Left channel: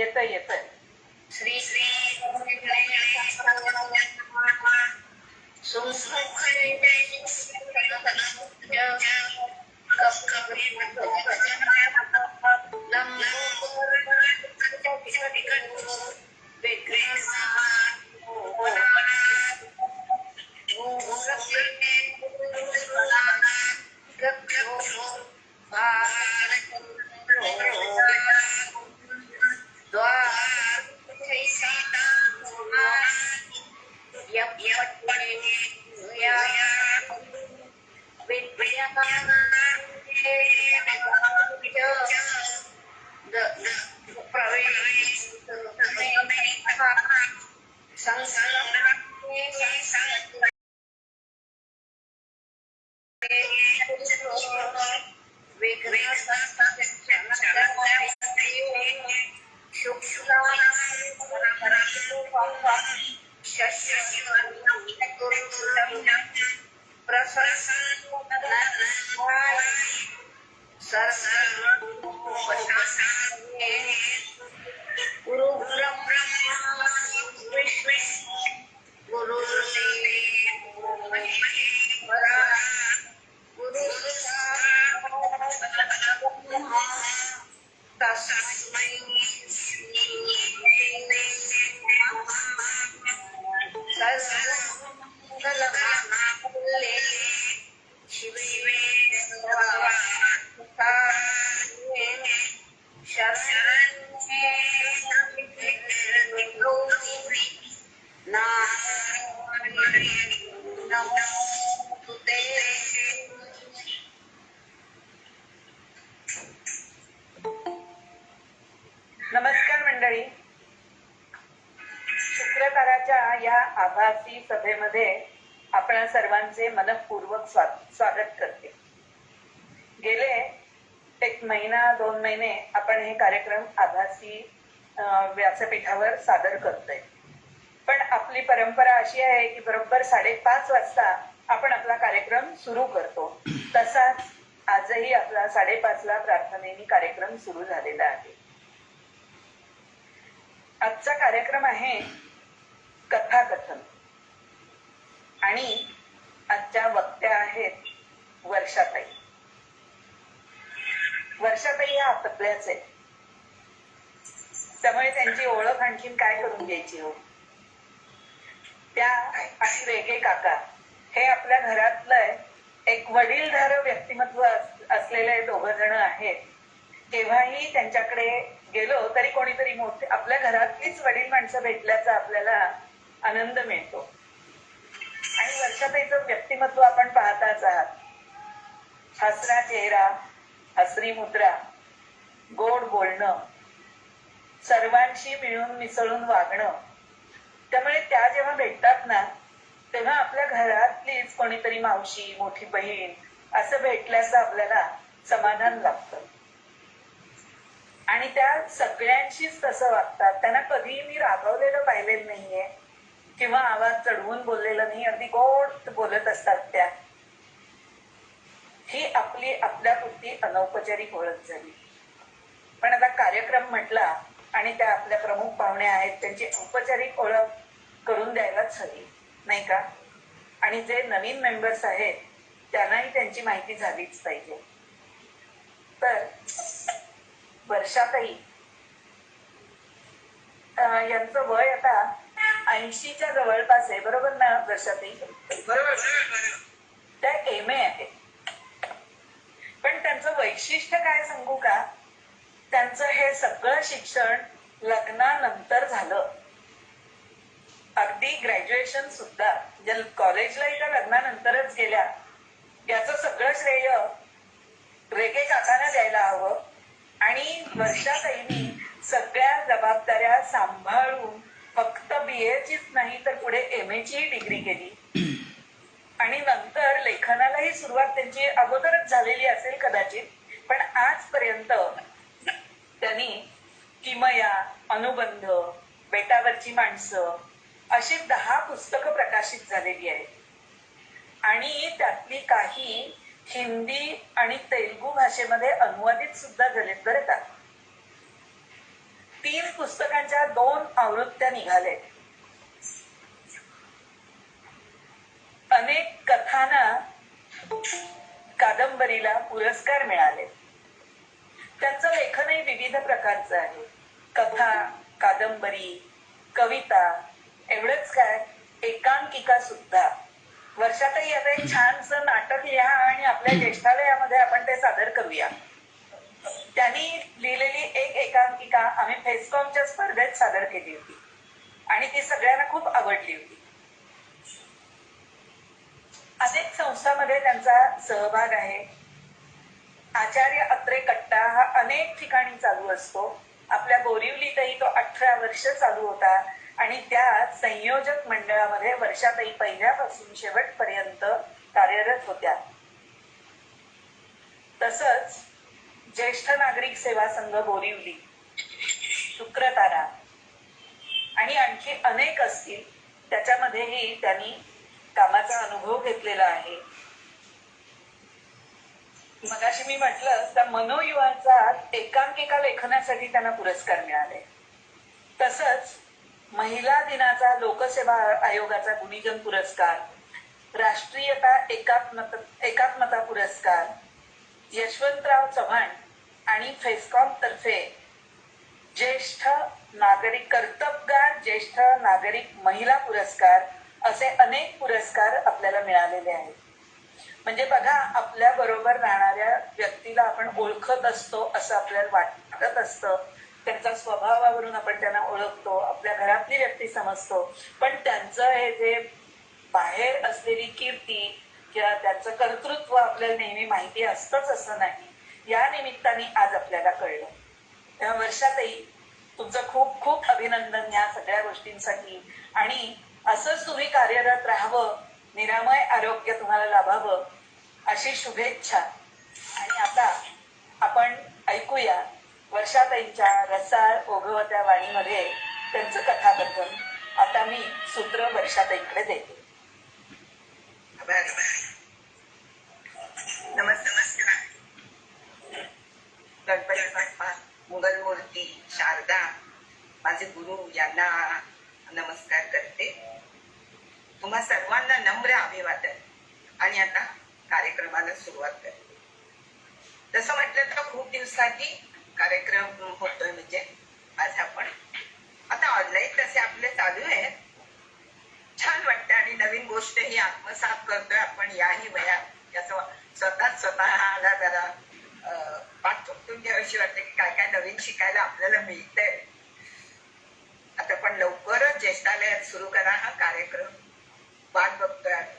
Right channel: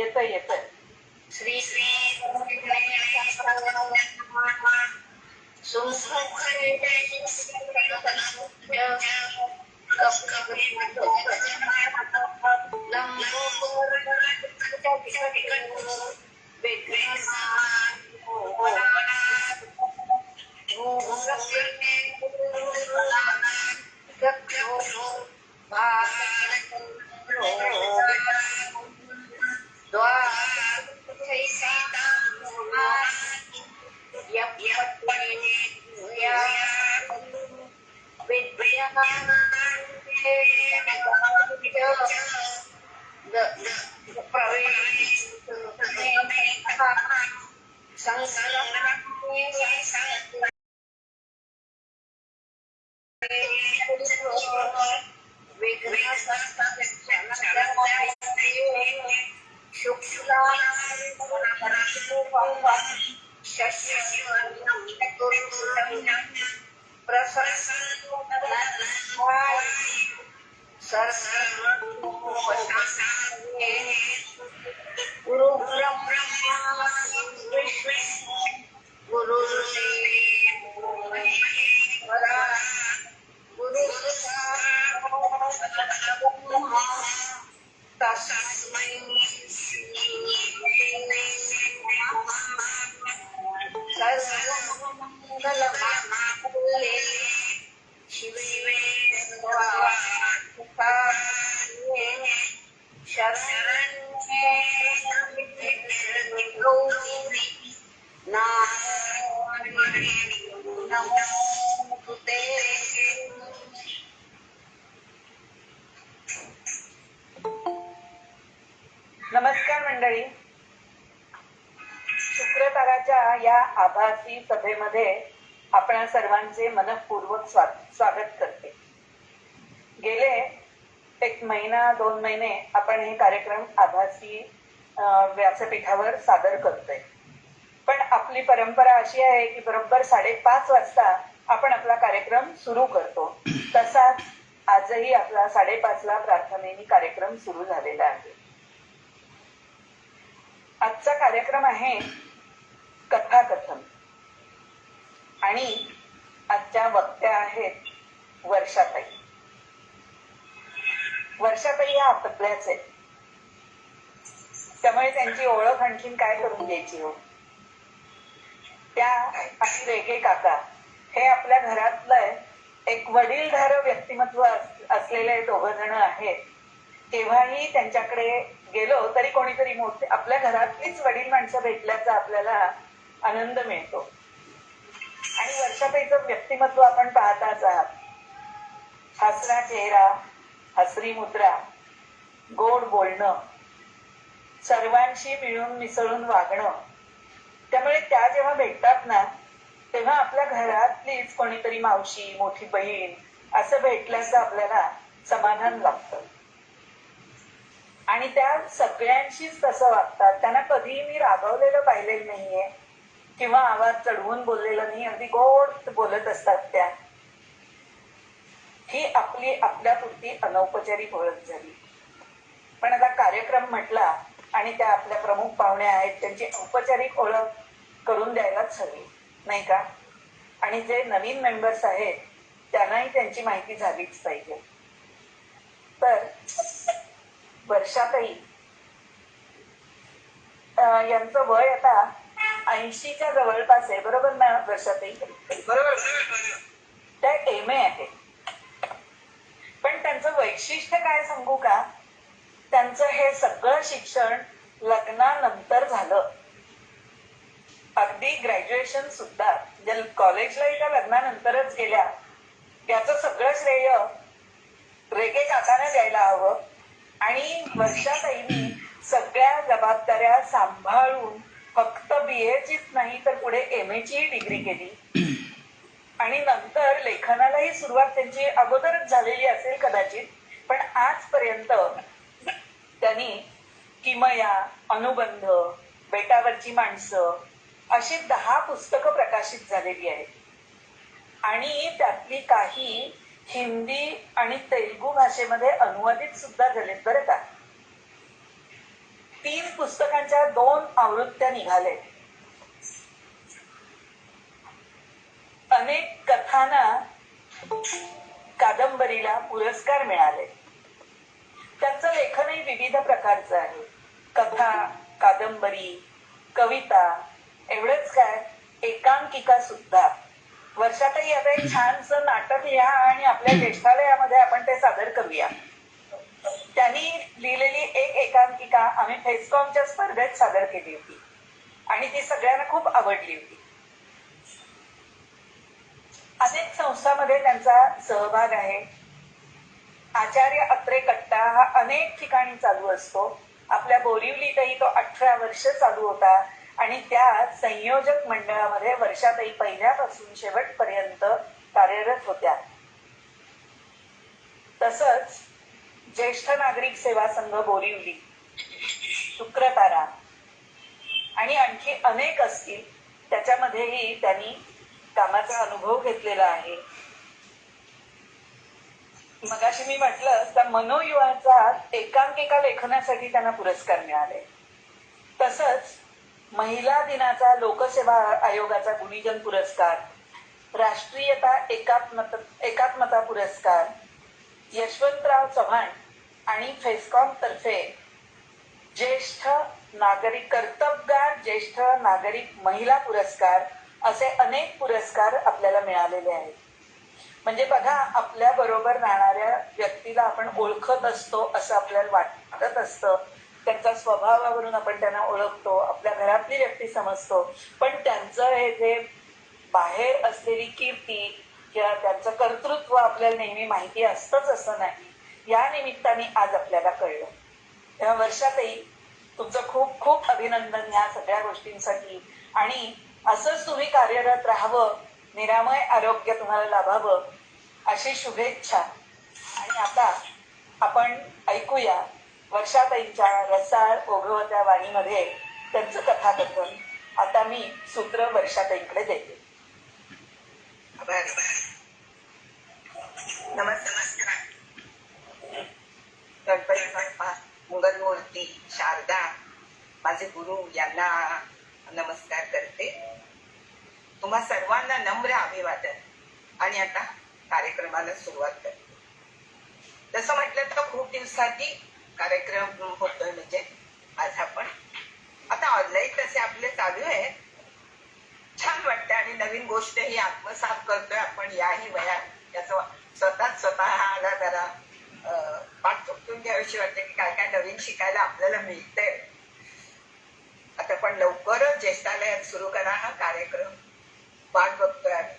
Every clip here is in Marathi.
येतंय. श्री श्री नमस्कार मंडळी. शुक्रताराच्या या आभासी सभेमध्ये आपण सर्वांचे मनःपूर्वक स्वागत करते. गेले 1 महिना 2 महिने आपण हे कार्यक्रम आभासी व्यासपीठावर सादर करतोय. पण आपली परंपरा अशी आहे की बरोबर 5:30 वाजता आपण आपला कार्यक्रम सुरू करतो. तसाच आजही आपला 5:30 ला प्रार्थनेने कार्यक्रम सुरू झालेला आहे. आजचा कार्यक्रम आहे कथाकथन आणि आजच्या वक्त्या आहेत वर्षाताई. वर्षाताई या आपल्याच आहेत, त्यामुळे त्यांची ओळख आणखीन काय करून घ्यायची हो. त्या आणि रेगे काका हे आपल्या घरातलं एक वडीलधारक व्यक्तिमत्व असलेले 2 जण आहेत. केव्हाही त्यांच्याकडे गेलो तरी कोणीतरी मोठे आपल्या घरातलीच वडील माणसं भेटल्याचा आपल्याला आनंद मिळतो. आणि वर्षाताईचं व्यक्तिमत्व आपण पाहताच आहात. हसरा चेहरा, हसरी मुद्रा, गोड बोलणं, सर्वांशी मिळून मिसळून वागणं. त्यामुळे त्या जेव्हा भेटतात ना तेव्हा आपल्या घरातलीच कोणीतरी मावशी, मोठी बहीण असं भेटल्याचं आपल्याला समाधान लागतं. आणि त्या सगळ्यांशीच तसं वागतात. त्यांना कधीही मी रागवलेलं पाहिलेलं नाहीये किंवा आवाज चढवून बोललेलं नाही. अगदी गोड बोलत असतात त्या. ही आपली आपल्यापुरती अनौपचारिक ओळख झाली. पण आता कार्यक्रम म्हटला आणि त्या आपल्या प्रमुख पाहुणे आहेत, त्यांची औपचारिक ओळख करून द्यायलाच हवी नाही का. आणि जे नवीन मेंबर्स आहेत त्यांनाही त्यांची माहिती झालीच पाहिजे. तर वर्षाताई यांचं वय आता 80च्या जवळपास आहे. बरोबर ना वर्षाताई? त्या MA आहे. पण त्यांचं वैशिष्ट्य काय सांगू का, त्यांचं हे सगळं शिक्षण लग्नानंतर झालं. अगदी ग्रॅज्युएशन सुद्धा कॉलेजला त्या लग्नानंतरच गेल्या. याचं सगळं श्रेय रेगे काकांना द्यायला हवं. आणि वर्षाताईंनी सगळ्या जबाबदाऱ्या सांभाळून फक्त BAचीच नाही तर पुढे MA ची डिग्री केली. आणि नंतर लेखनालाही सुरुवात त्यांची अगोदरच झालेली असेल कदाचित. पण आजपर्यंत त्यांनी किमया, अनुबंध, बेटावरची माणसं अशी 10 पुस्तकं प्रकाशित झालेली आहेत. आणि त्यातली काही हिंदी आणि तेलुगू भाषेमध्ये अनुवादित सुद्धा झालेत बरं का. 3 पुस्तकांच्या 2 आवृत्त्या निघाल्या. अनेक कथांना कादंबरीला पुरस्कार मिळाले. त्यांचं लेखनही विविध प्रकारचं आहे. कथा, कादंबरी, कविता, एवढंच काय एकांकिका सुद्धा. वर्षातही आता एक छानसं नाटक लिहा आणि आपल्या ज्येष्ठालयामध्ये आपण ते सादर करूया. त्यांनी लिहिलेली एक एकांकिका आम्ही फेस्कॉमच्या स्पर्धेत सादर केली होती आणि ती सगळ्यांना खूप आवडली होती. अनेक संस्थांमध्ये त्यांचा सहभाग आहे. आचार्य अत्रे कट्टा हा अनेक ठिकाणी चालू असतो. आपल्या बोरिवलीतही तो 18 वर्ष चालू होता आणि त्या संयोजक मंडळामध्ये वर्षातही पहिल्यापासून शेवटपर्यंत कार्यरत होत्या. तसंच ज्येष्ठ नागरिक सेवा संघ बोरिवली, शुक्रतारा आणि आणखी अनेक असतील, त्याच्यामध्येही त्यांनी कामाचा अनुभव घेतलेला आहे. मगाशी मी म्हटलं तर मनोयुवाचा एकांकिका लेखनासाठी त्यांना पुरस्कार मिळाले. तसंच महिला दिनाचा लोकसेवा आयोगाचा गुणीजन पुरस्कार, राष्ट्रीयता एकात्मता पुरस्कार, यशवंतराव चव्हाण आणि फेस्कॉम तर्फे ज्येष्ठ नागरिक कर्तबगार ज्येष्ठ नागरिक महिला पुरस्कार असे अनेक पुरस्कार आपल्याला मिळालेले आहेत. म्हणजे बघा, आपल्या बरोबर राहणाऱ्या व्यक्तीला आपण ओळखत असतो असं आपल्याला वाटत असतं. त्यांच्या स्वभावावरून आपण त्यांना ओळखतो, आपल्या घरातली व्यक्ती समजतो. पण त्यांचं हे जे बाहेर असलेली कीर्ती किंवा त्यांचं कर्तृत्व आपल्याला नेहमी माहिती असतंच असं नाही. या निमित्ताने आज आपल्याला कळलं. तेव्हा वर्षातही तुमचं खूप खूप अभिनंदन या सगळ्या गोष्टींसाठी आणि असंच तुम्ही कार्यरत राहावं, निरामय आरोग्य तुम्हाला लाभावं अशी शुभेच्छा. आणि आता आपण ऐकूया वर्षाताईंच्या रसाळ ओघवत्या वाणीमध्ये त्यांचं कथाकथन. आता मी सूत्र वर्षाताईंकडे देते. नमस्कार. गणपती बाप्पा, मुघल मूर्ती, शारदा, माझे गुरु यांना नमस्कार करते. तुम्हा सर्वांना नम्र अभिवादन. आणि आता कार्यक्रमाला सुरुवात करते. तसं म्हटलं तर खूप दिवसांनी कार्यक्रम होतोय. म्हणजे आज आपण आता ऑनलाईन तसे आपले चालू आहे. छान वाटतं आणि नवीन गोष्ट ही आत्मसात करतोय आपण याही वयात. त्याचं स्वतःला जरा पाठ चुकतून घ्यावीशी वाटते की काय काय नवीन शिकायला आपल्याला मिळतंय. आता पण लवकरच ज्येष्ठालयात सुरू करा हा कार्यक्रम. वाट बघतोय आम्ही.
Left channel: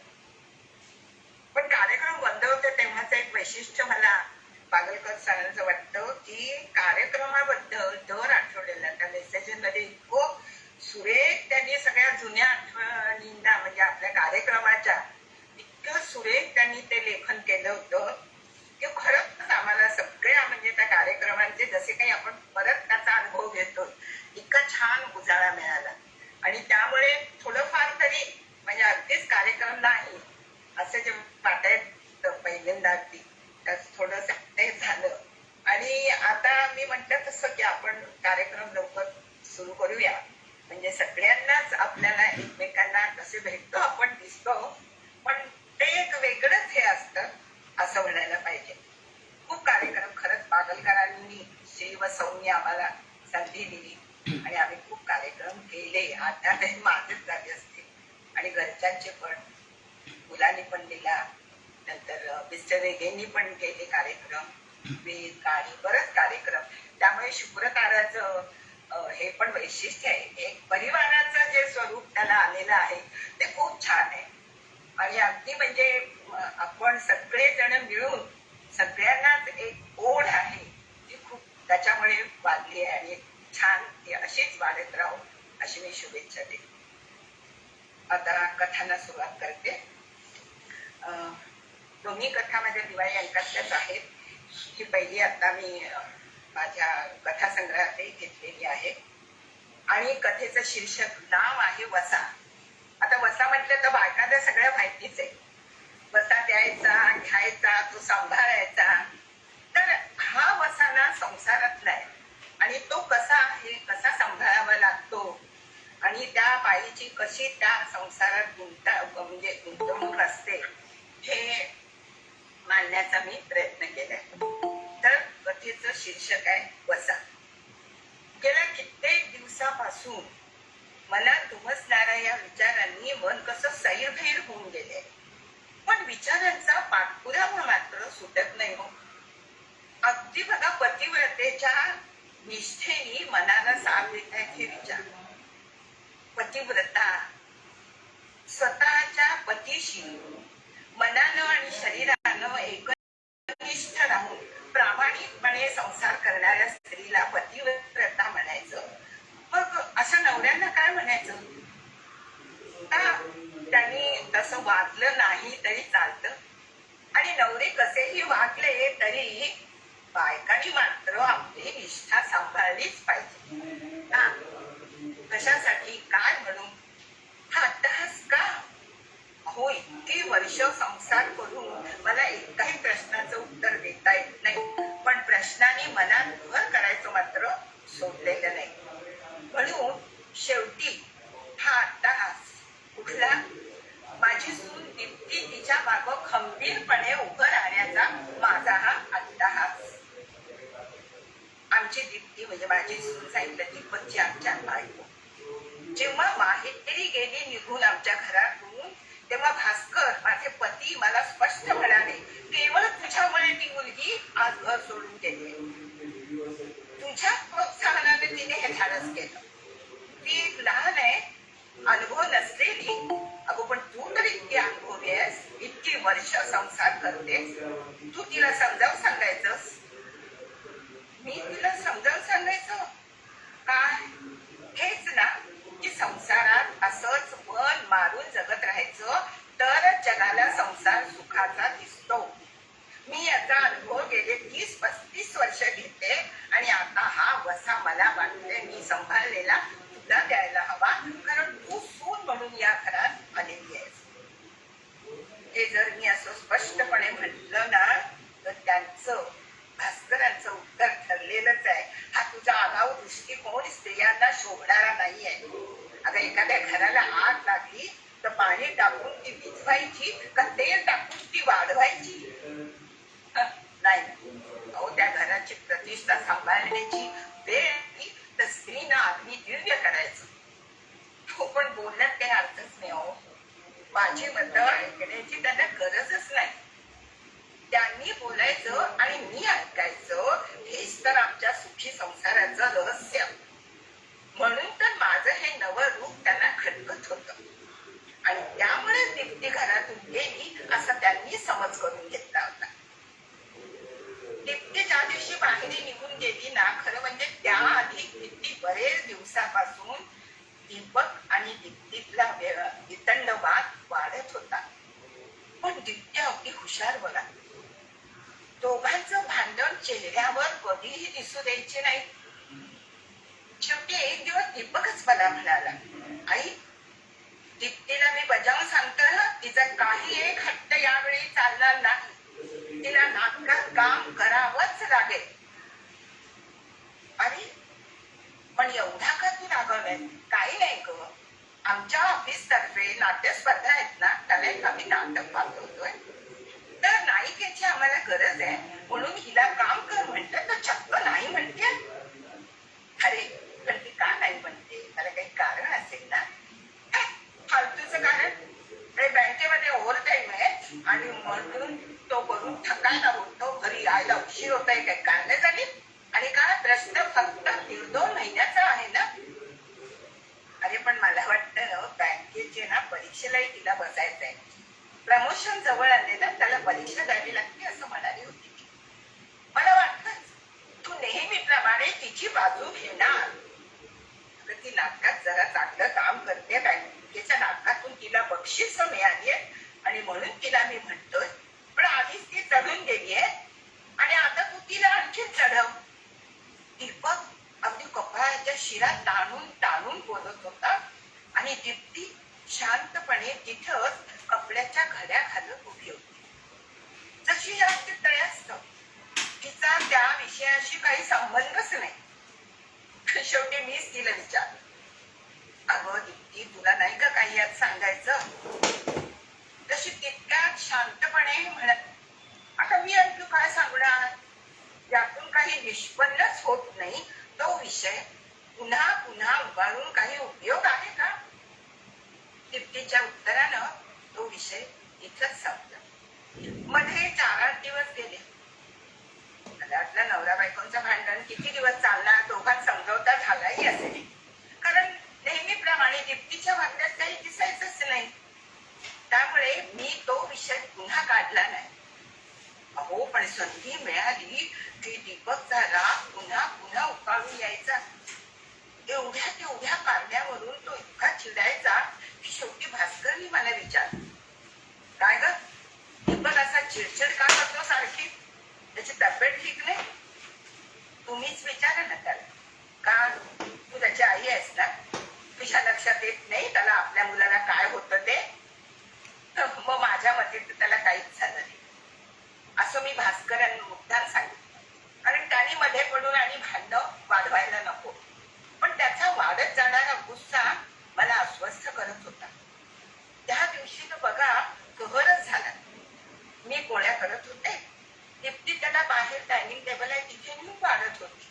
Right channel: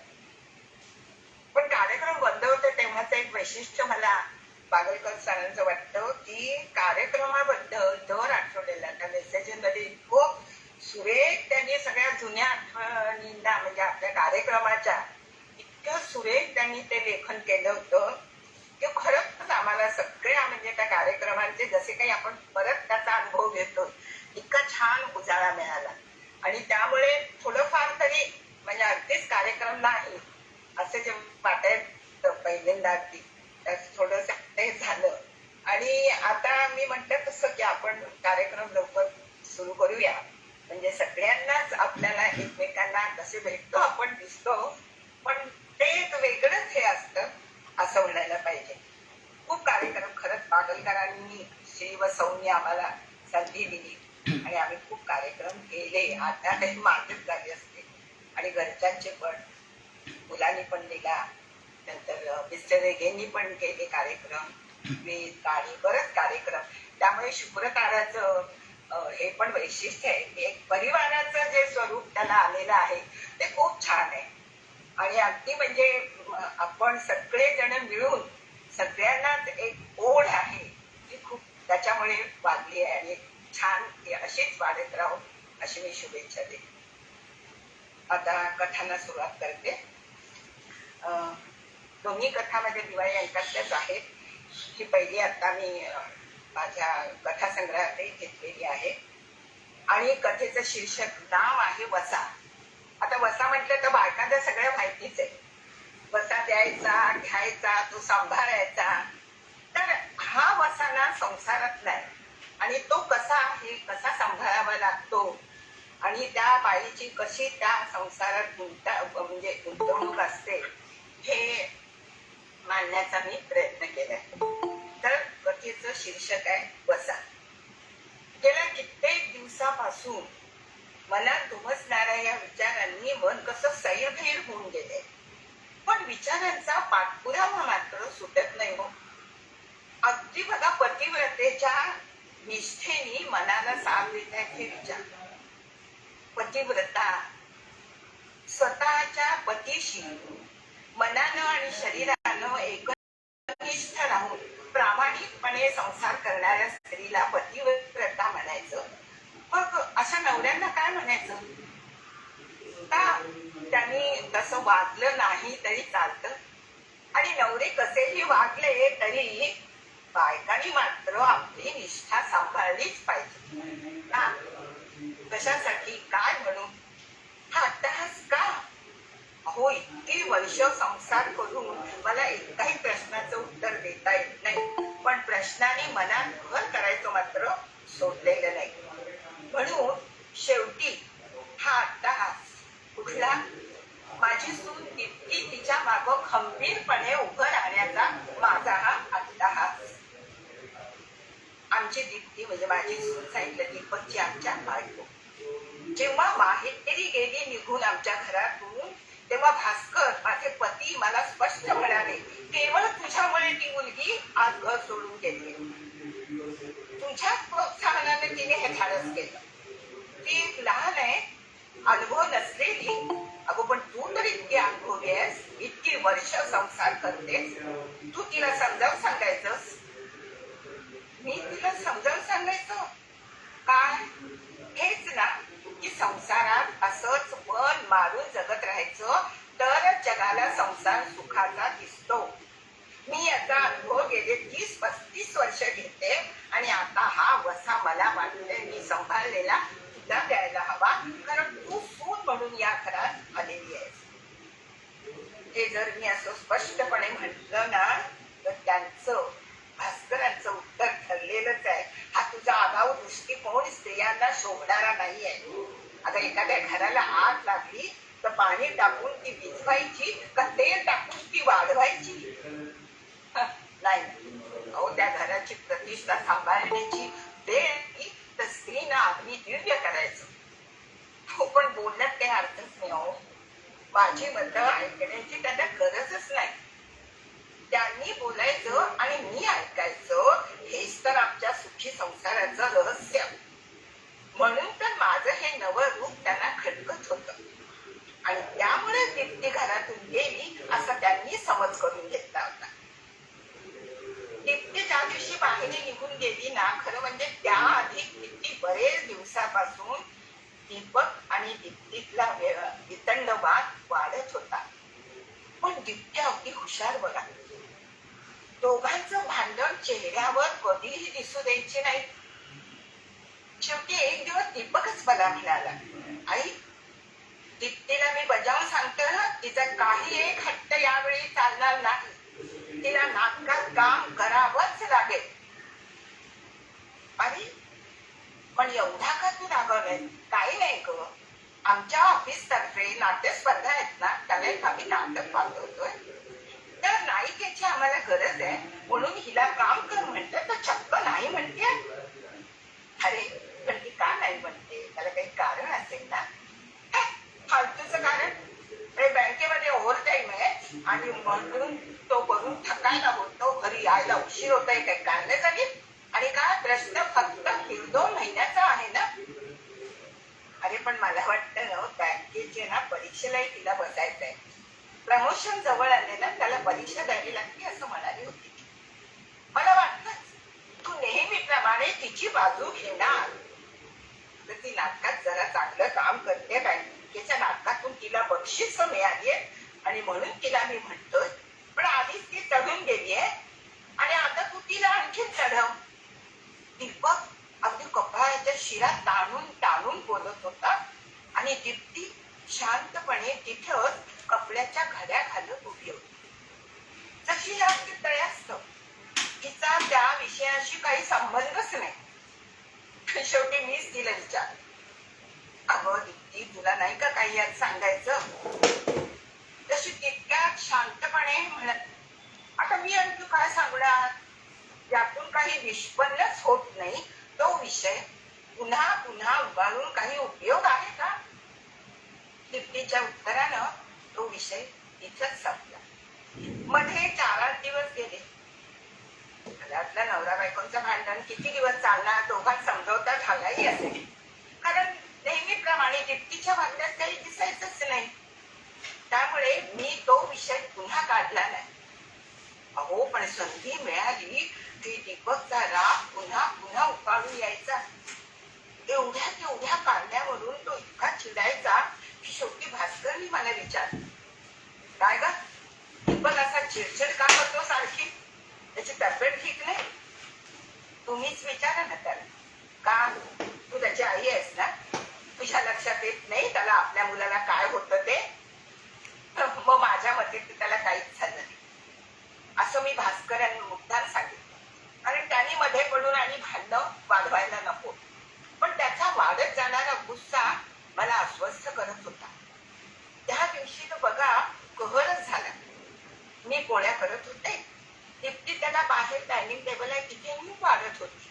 पण कार्यक्रम बंद होते तेव्हाच एक वैशिष्ट्य मला पागलकर सांगायचं वाटतं की कार्यक्रमाबद्दल दर आठवड्याला त्या मेसेजमध्ये इतकं सुरेख त्यांनी सगळ्या जुन्या आठवणींना म्हणजे आपल्या कार्यक्रमाच्या इतकं सुरेख त्यांनी ते लेखन केलं होतं की खरंच आम्हाला सगळ्या म्हणजे त्या कार्यक्रमांचे जसे काही आपण परत त्याचा अनुभव घेतो इतका छान उजाळा मिळाला. आणि त्यामुळे थोडंफार तरी म्हणजे अगदीच कार्यक्रम नाही असं जे वाटायचं पहिल्यांदा अगदी थोडस झालं. आणि आता मी म्हटलं तसं की आपण कार्यक्रम लवकर सुरू करूया. म्हणजे सगळ्यांनाच आपल्याला एकमेकांना कसे भेटतो आपण दिसतो पण ते एक वेगळंच हे असतं असं म्हणायला पाहिजे. खूप कार्यक्रम खरंच पागलकरांनी श्री व सौनी आम्हाला संधी दिली आणि आम्ही खूप कार्यक्रम केले. आता ते माझेच झाले असते आणि घरच्यांचे पण, मुलांनी पण दिला. नंतर मिस्टर रेगेंनी पण केले कार्यक्रम, वेद गाणी बरेच कार्यक्रम. त्यामुळे शुक्रताराचं हे पण वैशिष्ट्य आहे. एक परिवाराचं जे स्वरूप त्याला आलेलं आहे ते खूप छान आहे. आणि अगदी म्हणजे आपण सगळेजण मिळून सगळ्यांनाच एक ओढ आहे ती खूप त्याच्यामुळे वाढली आहे आणि छान ती अशीच वाढत राहू अशी मी शुभेच्छा देते. आता कथांना सुरुवात करते. दोन्ही कथा माझ्या दिवाळी अंकातल्याच आहेत. ही पहिली आता मी माझ्या कथासंग्रहात घेतलेली आहे आणि कथेचं शीर्षक नाव आहे वसा. आता वसा म्हटलं तर बायकांना सगळं माहितीच आहे. वसा द्यायचा, घ्यायचा, तो सांभाळायचा. तर हा वसा ना संसारातला आहे आणि तो कसा आहे, कसा सांभाळावा लागतो आणि त्या बाईची कशी त्या संसारात म्हणजे गुंतवणूक असते हे मांडण्याचा मी प्रयत्न केलाय. तर कथेचं शीर्षक आहे वसा. गेल्या कित्येक दिवसापासून मनात उमसणाऱ्या या विचारांनी मन कसं सैरभैर होऊन गेले, पण विचारांचा पाठपुरावा मात्र सुटत नाही हो. अगदी बघा, पतिव्रतेच्या निष्ठेने मनाला साथ देत आहेत हे विचार. पतिव्रता स्वतःच्या पतीशी मनानं आणि शरीरानं एकनिष्ठ राहून प्रामाणिकपणे संसार करणाऱ्या स्त्रीला पतिव्रता म्हणायचं. मग अशा नवऱ्यांना काय म्हणायचं? का त्यांनी तसं वागलं नाही तरी चालतं, आणि नवरे कसेही वागले तरी बायकांनी मात्र आपली निष्ठा सांभाळलीच पाहिजे. कशासाठी, काय म्हणून हा अट्टहास का? हो, इतकी वर्ष संसार करून मला एकाही प्रश्नाचं उत्तर देता येत नाही, पण प्रश्नाने मनात घर करायचं मात्र सोडलेलं नाही. म्हणून शेवटी हा अट्टहास कुठला? माझी सून इतकी तिच्या मागं खंबीरपणे उभं राहण्याचा माझा हा अट्टहास. आमची दीप्ती म्हणजे माझी सून सांगितलं, दीपकची आमच्या बायको जेव्हा माहेरी गेली निघून आमच्या घरातून, तेव्हा भास्कर माझे पती मला स्पष्ट म्हणाले, केवळ तुझ्यामुळे ती मुलगी आज घर सोडून गेली. तुझ्या प्रोत्साहनाने तिने हे धाडस केलं. ती एक लहान आहे, अनुभव नसलेली. अगो पण तू तर इतकी अनुभवी आहेस, इतकी वर्ष संसार करतेस, तू तिला समजावून सांगायचंस. मी तिला समजावून सांगायचं काय? हेच ना की संसारात असंच मन मारून जगत राहायचं तरच जगाला संसार सुखाचा दिसतो. मी याचा अनुभव गेले 30-35 वर्ष घेते, आणि आता हा वसा मला वाटते मी सांभाळलेला तुला द्यायला हवा, कारण तू सून म्हणून या घरात आलेली आहेस. हे जर मी असं स्पष्टपणे म्हटलं ना, तर त्यांचं, भास्करांचं उत्तर ठरलेलंच आहे. हा तुझा आगाऊ दृष्टिकोन स्त्रियांना शोभणारा नाहीये. आता एखाद्या घराला आग लागली तर पाणी टाकून ती विझवायची का तेल टाकून ती वाढवायची? नाही. अहो, त्या घराची प्रतिष्ठा सांभाळण्याची वेळ तर स्त्रीनं आधी दिव्य करायचं. हो, पण बोलण्यात काही अर्थच नाही हो. माझी मतं ऐकण्याची त्यांना गरजच नाही. त्यांनी बोलायचं आणि मी ऐकायचं, हेच तर आमच्या सुखी संसाराचं रहस्य. म्हणून तर माझं हे नवं रूप त्यांना खटकत होतं, आणि त्यामुळे दीप्ती घरातून गेली असं त्यांनी समज करून घेतला होता. दीप्ती ज्या दिवशी बाहेर निघून गेली ना, खरं म्हणजे त्याआधी किती बरेच दिवसापासून दीपक आणि दीप्तीतला वितंडवाद वाढत होता. पण दीप्ती अगदी हुशार बघा. दोघांचं भांडण चेहऱ्यावर कधीही दिसू द्यायचे नाही. शेवटी एक दिवस दीपकच मला म्हणाला, आई, दीप्तीला मी बजावून सांगतो ना, तिचा काही एक हट्ट यावेळी चालणार नाही. तिला नाटकात काम करावंच लागेल. अरे, पण एवढा का तू रागवलाय? काही नाही ग, आमच्या ऑफिस तर्फे नाट्य स्पर्धा आहेत ना, त्याला एक आम्ही नाटक पाठवतोय, तर नायिकेची आम्हाला गरज आहे, म्हणून हिला काम कर म्हणते तर चक्क नाही म्हणते. अरे, पण ती का नाही म्हणते? त्याला काही कारण असेल ना. फालतूचं कारण? बँकेमध्ये ओव्हरटाईम आहे आणि म्हणून तो करून थकायला होतो, घरी यायला उशीर होतोय, काही काढले झाली. आणि काय प्रश्न फक्त 1-2 महिन्याचा आहे ना. अरे, पण मला वाटतं बँकेचे ना परीक्षेलाही तिला बसायचंय. प्रमोशन जवळ आले ना, त्याला परीक्षा द्यावी लागते असं म्हणाली होती. मला वाटतं तू नेहमीप्रमाणे तिची बाजू घेणार. तर ती नाटकात जरा चांगलं काम करते, बँकेच्या नाटकातून तिला बक्षीस मिळाली आणि म्हणून तिला मी म्हणतोय, पण आधीच ती चढून गेली आहे आणि आता तू तिला आणखीन चढव. दीपक अगदी कपाळाच्या शिरा ताणून ताणून बोलत होता, आणि दीप्ती शांतपणे तिथंच कपड्याच्या घड्या घालत उभी होती, जशी तळ्यास्त. तिचा त्या विषयाशी काही संबंधच नाही. शेवटी मीच तिला विचार, अगं दीप्ती, तुला नाही का काही यात सांगायचं? तशी तितक्यात शांतपणे म्हणत, आता मी आणखी काय सांगणार? यातून काही निष्पन्नच होत नाही तो विषय पुन्हा पुन्हा उगाळून काही उपयोग आहे का? दीप्तीच्या उत्तरानं तो विषय इथंच संपला. मध्ये 4-8 दिवस गेले. घरातल्या नवरा बायकोचं भांडण किती दिवस चालणार, दोघांत समजवता झालाही असेल. कारण नेहमीप्रमाणे दीप्तीच्या वागण्यात काही दिसायचंच नाही. त्यामुळे मी तो विषय पुन्हा काढला नाही. अहो, पण संधी मिळाली की दीपकचा राग पुन्हा पुन्हा उकाळून यायचा. एवढ्या तेवढ्या कारण्यावरून तो इतका चिडायचा की शेवटी भास्करनी मला विचारलं, काय ग दीपक असा चिडचिड का करतो सारखी? त्याची तब्येत ठीक नाही? तुम्हीच विचारा ना त्याला. का तू त्याची आई आहेस ना? तुझ्या लक्षात येत नाही त्याला आपल्या मुलाला काय होतं ते? मग माझ्या मते त्याला काहीच झालं नाही असं मी भास्करांनी मुद्दाम सांगितलं. कारण त्याने मध्ये पडून आणि भांडणं वाढवायला नको. पण त्याचा वाढत जाणारा गुस्सा मला अस्वस्थ करत होता. त्या दिवशी तर बघा कहरच झाला. मी पोळ्या करत होते, दीप्ती त्याला बाहेर डायनिंग टेबल आहे तिथे मी वाढत होती.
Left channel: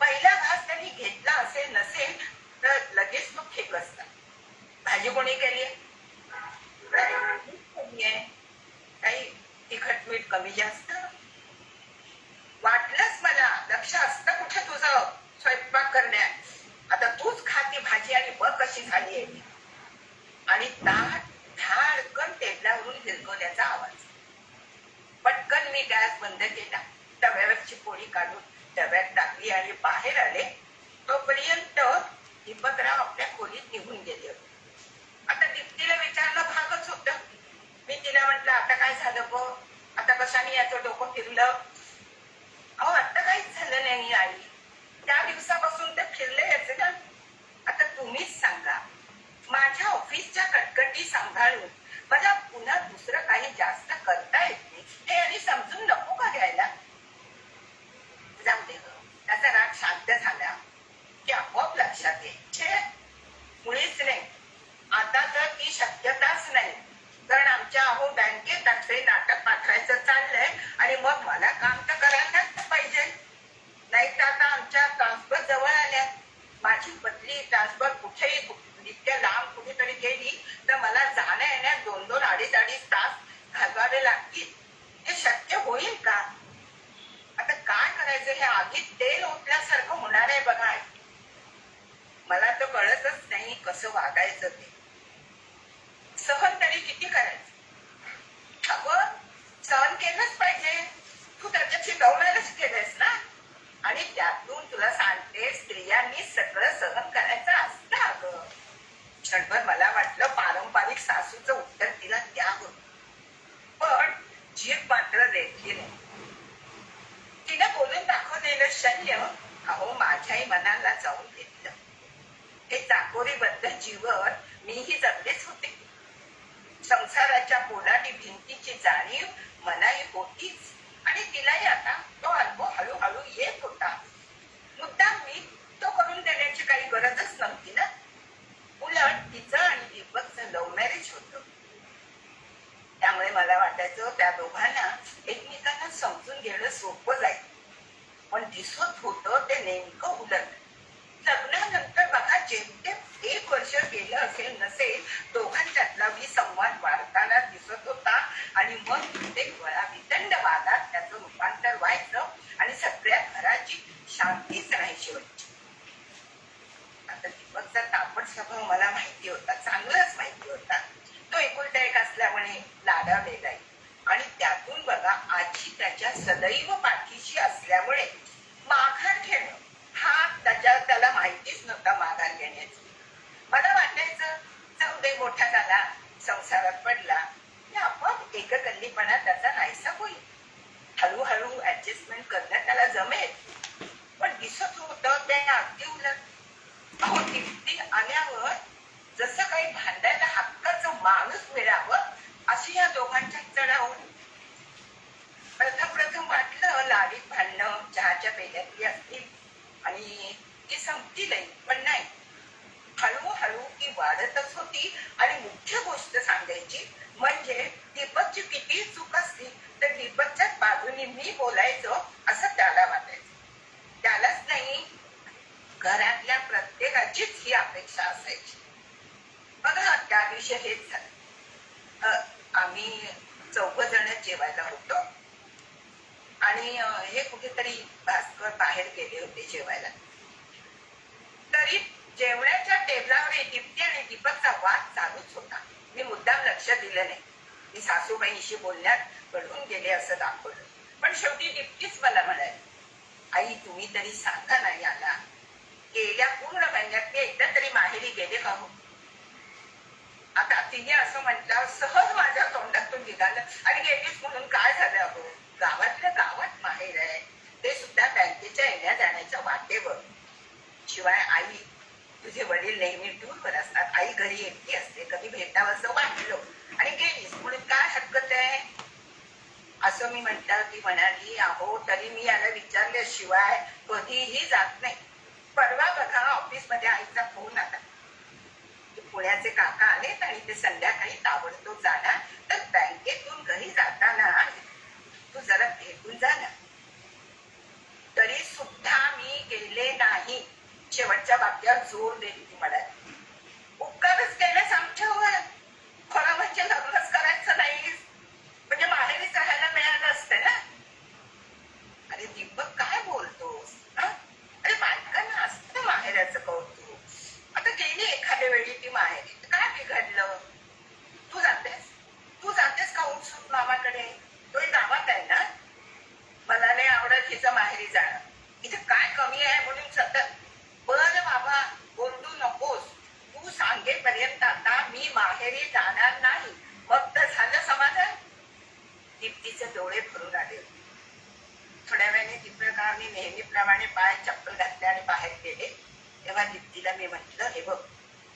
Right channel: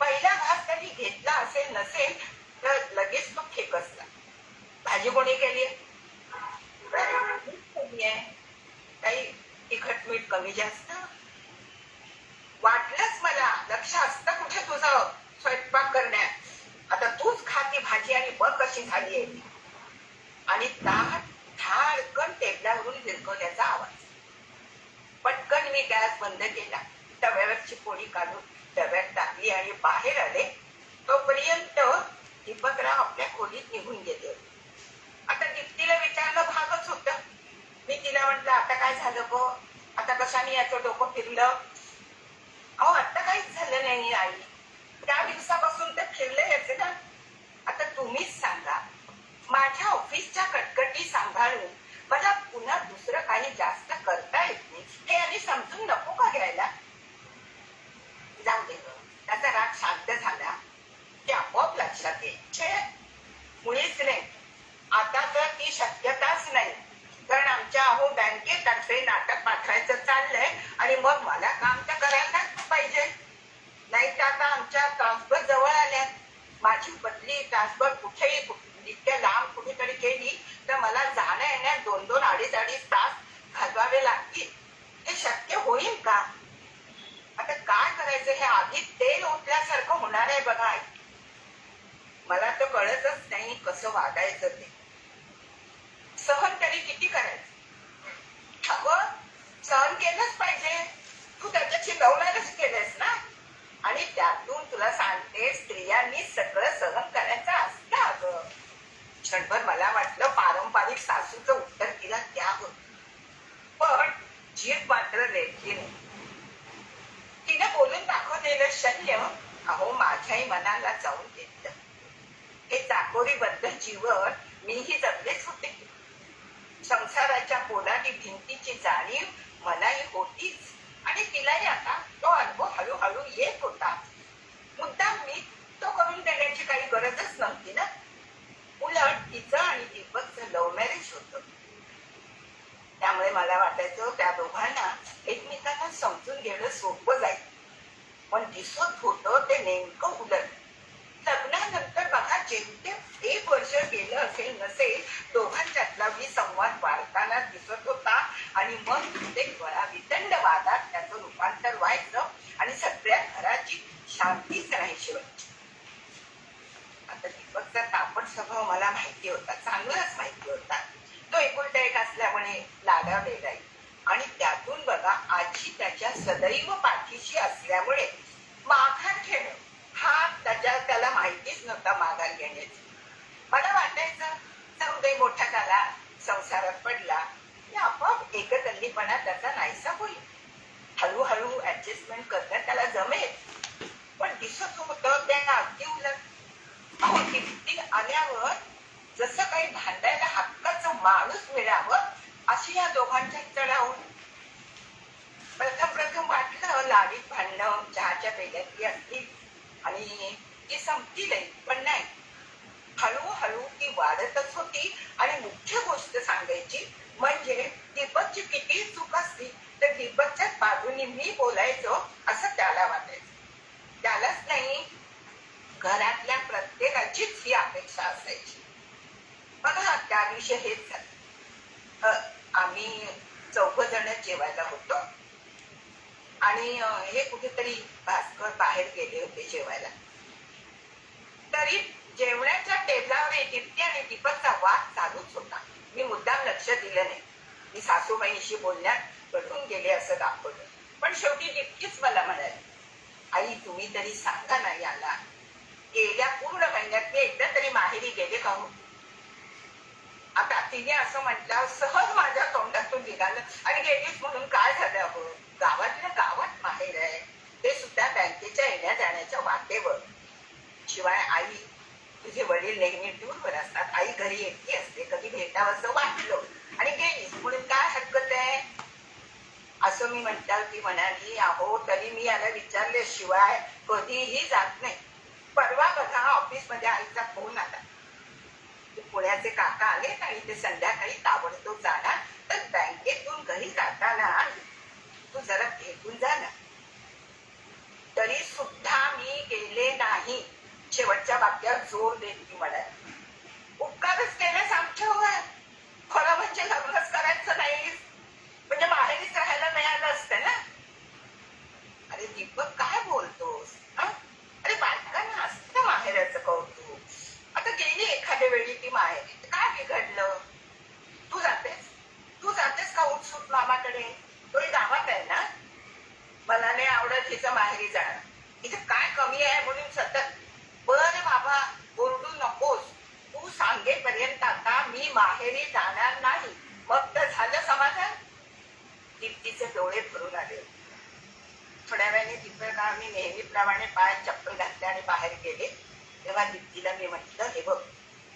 पहिला घास त्यांनी घेतला असेल नसेल तर लगेच तो फेकसला. भाजी कोणी केली आहे? काही तिखट मीठ कमी जास्त? वाटलंच मला, लक्ष असतं कुठे तुझं स्वयंपाक करण्यात. आता तूच खाती भाजी आणि बघ कशी झाली आहे. आणि ताट धाडकन टेबलावरून विरघळण्याचा आवाज. पटकन मी गॅस बंद केला, तव्यावरची पोळी काढून डब्यात टाकली आणि बाहेर आले. तोपर्यंत दीपकराव आपल्या खोलीत निघून गेले. आता दीप्तीला विचारणं भागच होतं. मी तिला म्हटलं, आता काय झालं गो? आता कशाने याचं डोकं फिरलं? अहो, आता काहीच झालं नाही आई, त्या दिवसापासून ते फिरले ना. आता तुम्हीच सांगा, माझ्या ऑफिसच्या कटकटी सांभाळून मला पुन्हा दुसरं काही जास्त करता येत नाही हे आणि समजून नको का घ्यायला? जाऊ दे हो, त्याचा राग शांत झाला की आपोआप लक्षात येईल. मुळीच नाही, आता तर ती शक्यताच नाही. कारण आमच्या अहो बँकेतर्फे नाटक पाठवायचं चाललंय आणि मग मला काम तर करायलाच पाहिजे. नाही तर आता आमच्या ट्रान्सफर जवळ आल्या. माझी बदली ट्रान्सफर कुठेही इतक्या लांब कुठेतरी केली तर मला जाण्या येण्यात 2-2, 2.5 तास घालवावे लागतील. हे शक्य होईल का? आता काय करायचं हे आधीच तेल ओतल्यासारखं होणार आहे बघा. मला तर कळतच नाही कसं वागायचं ते. सहन तरी किती करायचं? अगं, सहन केलंच पाहिजे. तू त्याच्याशी डवलायलाच केलंयस ना. आणि त्यातून तुला सांगते, स्त्रियांनी सगळं सहन करायचं असतं. अगं, क्षणभर मला वाटलं पारंपरिक सासूचं उत्तर तिला द्यावं, पण जीभ मात्र रेटली नाही. तिने बोलून दाखवलेलं शल्य अहो माझ्याही मनाला जाऊन घेतलं. हे चाकोरीबद्ध जीवन मीही जगलेच होते. संसाराच्या पोलादी भिंतीची जाणीव मलाही होतीच आणि तिलाही आता तो अनुभव हळूहळू येत होता. मुद्दाम मी तो करून देण्याची काही गरजच नव्हती ना. उलट तिचं आणि दीपकचं लव्ह मॅरेज होतं. त्यामुळे मला वाटायचं त्या दोघांना एकमेकांना समजून घेणं सोपं जाईल. पण दिसत होतं ते नेमकं उलट. लग्नानंतर बघा जेमतेम 1 वर्ष गेलं असेल नसेल, दोघांच्यातला संवाद वाढताना दिसत होता आणि मग ते वितंड वादात त्याचं रूपांतर व्हायचं आणि सगळ्या घराची शांतीच राहायची होती. आता दीपकचा तापट स्वभाव मला माहिती होता, चांगलाच माहिती होता. तो एकुलता एक असल्यामुळे लाडावलेलाही आणि त्यातून बघा आजी त्याच्या सदैव पाठीशी असल्यामुळे माघार घेणे हा त्याला माहितीच नव्हता. माघार घेण्याची मला वाटायचं जाऊ दे, मोठा झाला, संसारात पडला, आपोआप एककल्लीपणा त्याचा नाहीसा होईल. हळूहळू ऍडजस्टमेंट करण्यात त्याला जमेल. पण दिसत होतं त्या अगदी उलट. अहो, किती आल्यावर जसं काही भांडायला हक्काचं माणूस मिळावं अशी या दोघांच्या चढाव. प्रथम वाटलं लाडीत भांडणं चहाच्या पेल्यातली असतील आणि ती संपती नाही, पण नाही, हळूहळू ती वाढतच होती. आणि मुख्य गोष्ट सांगायची म्हणजे दीपकची किती चूक असली तर दीपकच्या बाजूनी मी बोलायचो असं त्याला वाटायचं. त्यालाच नाही, घरातल्या प्रत्येकाचीच ही अपेक्षा असायची. बघा त्या दिवशी हेच झालं. आम्ही 4 जण जेवायला होतो आणि हे कुठेतरी भास्कर बाहेर गेले होते जेवायला. तरी जेवणाच्या टेबलावर दीप्ती आणि दीपकचा वाद चालूच होता. मी मुद्दाम लक्ष दिलं नाही. मी सासूबाईंशी बोलण्यात पडून गेले असं दाखवलं. पण शेवटी दीप्तीच मला म्हणाली, आई तुम्ही तरी सांगा ना याला, गेल्या पूर्ण महिन्यात मी एकदा तरी माहेरी गेले का हो? आता तिने असं म्हटलं, सहज माझ्या तोंडातून निघालं, आणि गेलीच म्हणून काय झालं? अगं गावातल्या गावात माहेर आहे, ते सुद्धा बँकेच्या येण्या जाण्याच्या वाटेवर. शिवाय आई तुझे वडील नेहमी दूरवर असतात, आई घरी एकटी असते, कधी भेटावंसं वाटलं आणि गेलीस म्हणून काय हरकत आहे असं मी म्हटलं. ती म्हणाली, अहो तरी मी याला विचारल्याशिवाय कधीही जात नाही. परवा बघा ऑफिसमध्ये आईचा फोन आला, पुण्याचे काका आलेत आणि ते संध्याकाळी ताबडतोब जाणार, तर बँकेतून घरी जाताना तू जरा भेटून जा ना. तरी सुद्धा मी गेले नाही. शेवटच्या वाक्यावर जोर देत ती म्हणाली, उपकारच केलेस आमच्यावर, खरं म्हणजे लग्नच करायचं नाही म्हणजे माहेरीच राहायला मिळालं असतं ना. अरे दीपक काय बोलतोस? अरे बायकांना असतं माहेराचं कौतुक. आता गेली एखाद्या वेळी ती माहेरी, काय बिघडलं? तू जातेस का उठसूट मामाकडे? तोही गावात आहे ना. मला नाही आवडत हिचं माहेरी जाणं. इथे काय कमी आहे म्हणून सतत. बरं बाबा ओरडू नकोस, तू सांगेपर्यंत आता मी माहेरी जाणार नाही, मग तर झालं समाधान. दीप्तीचे डोळे भरून आले. थोड्या वेळाने दीपक आम्ही नेहमीप्रमाणे पायात चप्पल घातले आणि बाहेर गेले. तेव्हा दीप्तीला मी म्हटलं, हे बघ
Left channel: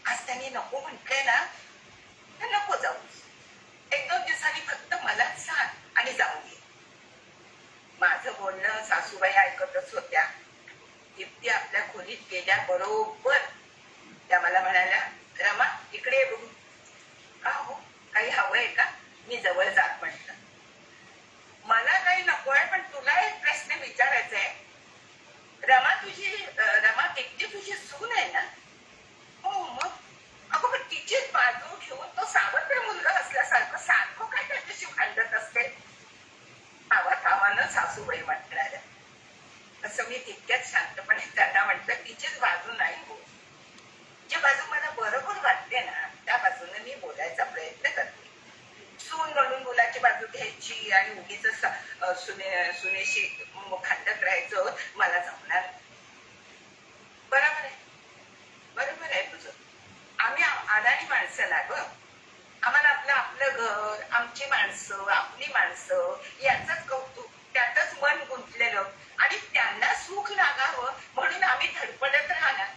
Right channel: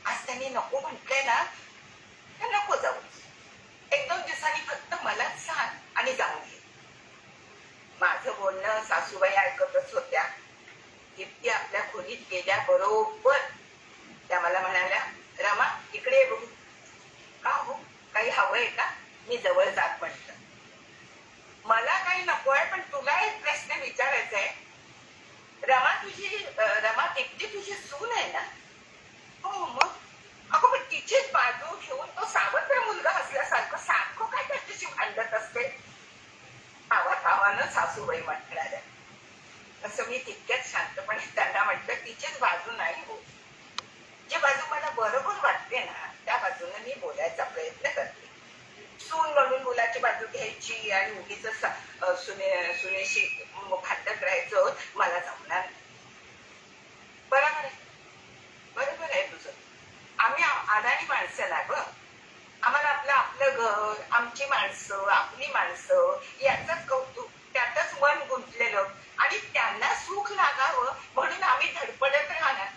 आज त्यांनी नको म्हटले ना तर नको जाऊ, 1-2 दिवसांनी फक्त मलाच सांग आणि जाऊन ये. माझं बोलणं सासूबाई ऐकतच होत्या. दीप्ती आपल्या खोलीत गेल्याबरोबर त्या मला म्हणाल्या, रमा इकडे ये बघू. का हो, काही हवंय का? मी जवळ जात म्हटलं. मला काही नकोय, पण तुला एक प्रश्न विचारायचा आहे. रमा दीप्ती तुझी सून आहे ना? हो मग. अगं पण तिचीच बाजू घेऊन तो सावत्र मुलगा असल्यासारखं सारखं काय त्याच्याशी भांडत असते. आवाज सासूबाई म्हटल्या. असं मी तितक्याच शांतपणे त्यांना म्हटलं, तिचीच बाजू नाही हो, जी बाजू मला बरोबर वाटते ना त्या बाजूने मी बोलायचा प्रयत्न करते. सून म्हणून मुलाची बाजू घ्यायची आणि उगीच सुनेशी भांडत राहायचं मला जमणार. बरोबर आहे तुझं. आम्ही अदानी माणसं ना ग. आम्हाला आपलं घर, आमची माणसं, आपली माणसं याचंच कौतुक, त्यातच मन गुंतलेलं आणि त्यांना सुख लागावं म्हणून आम्ही धडपडत राहणार.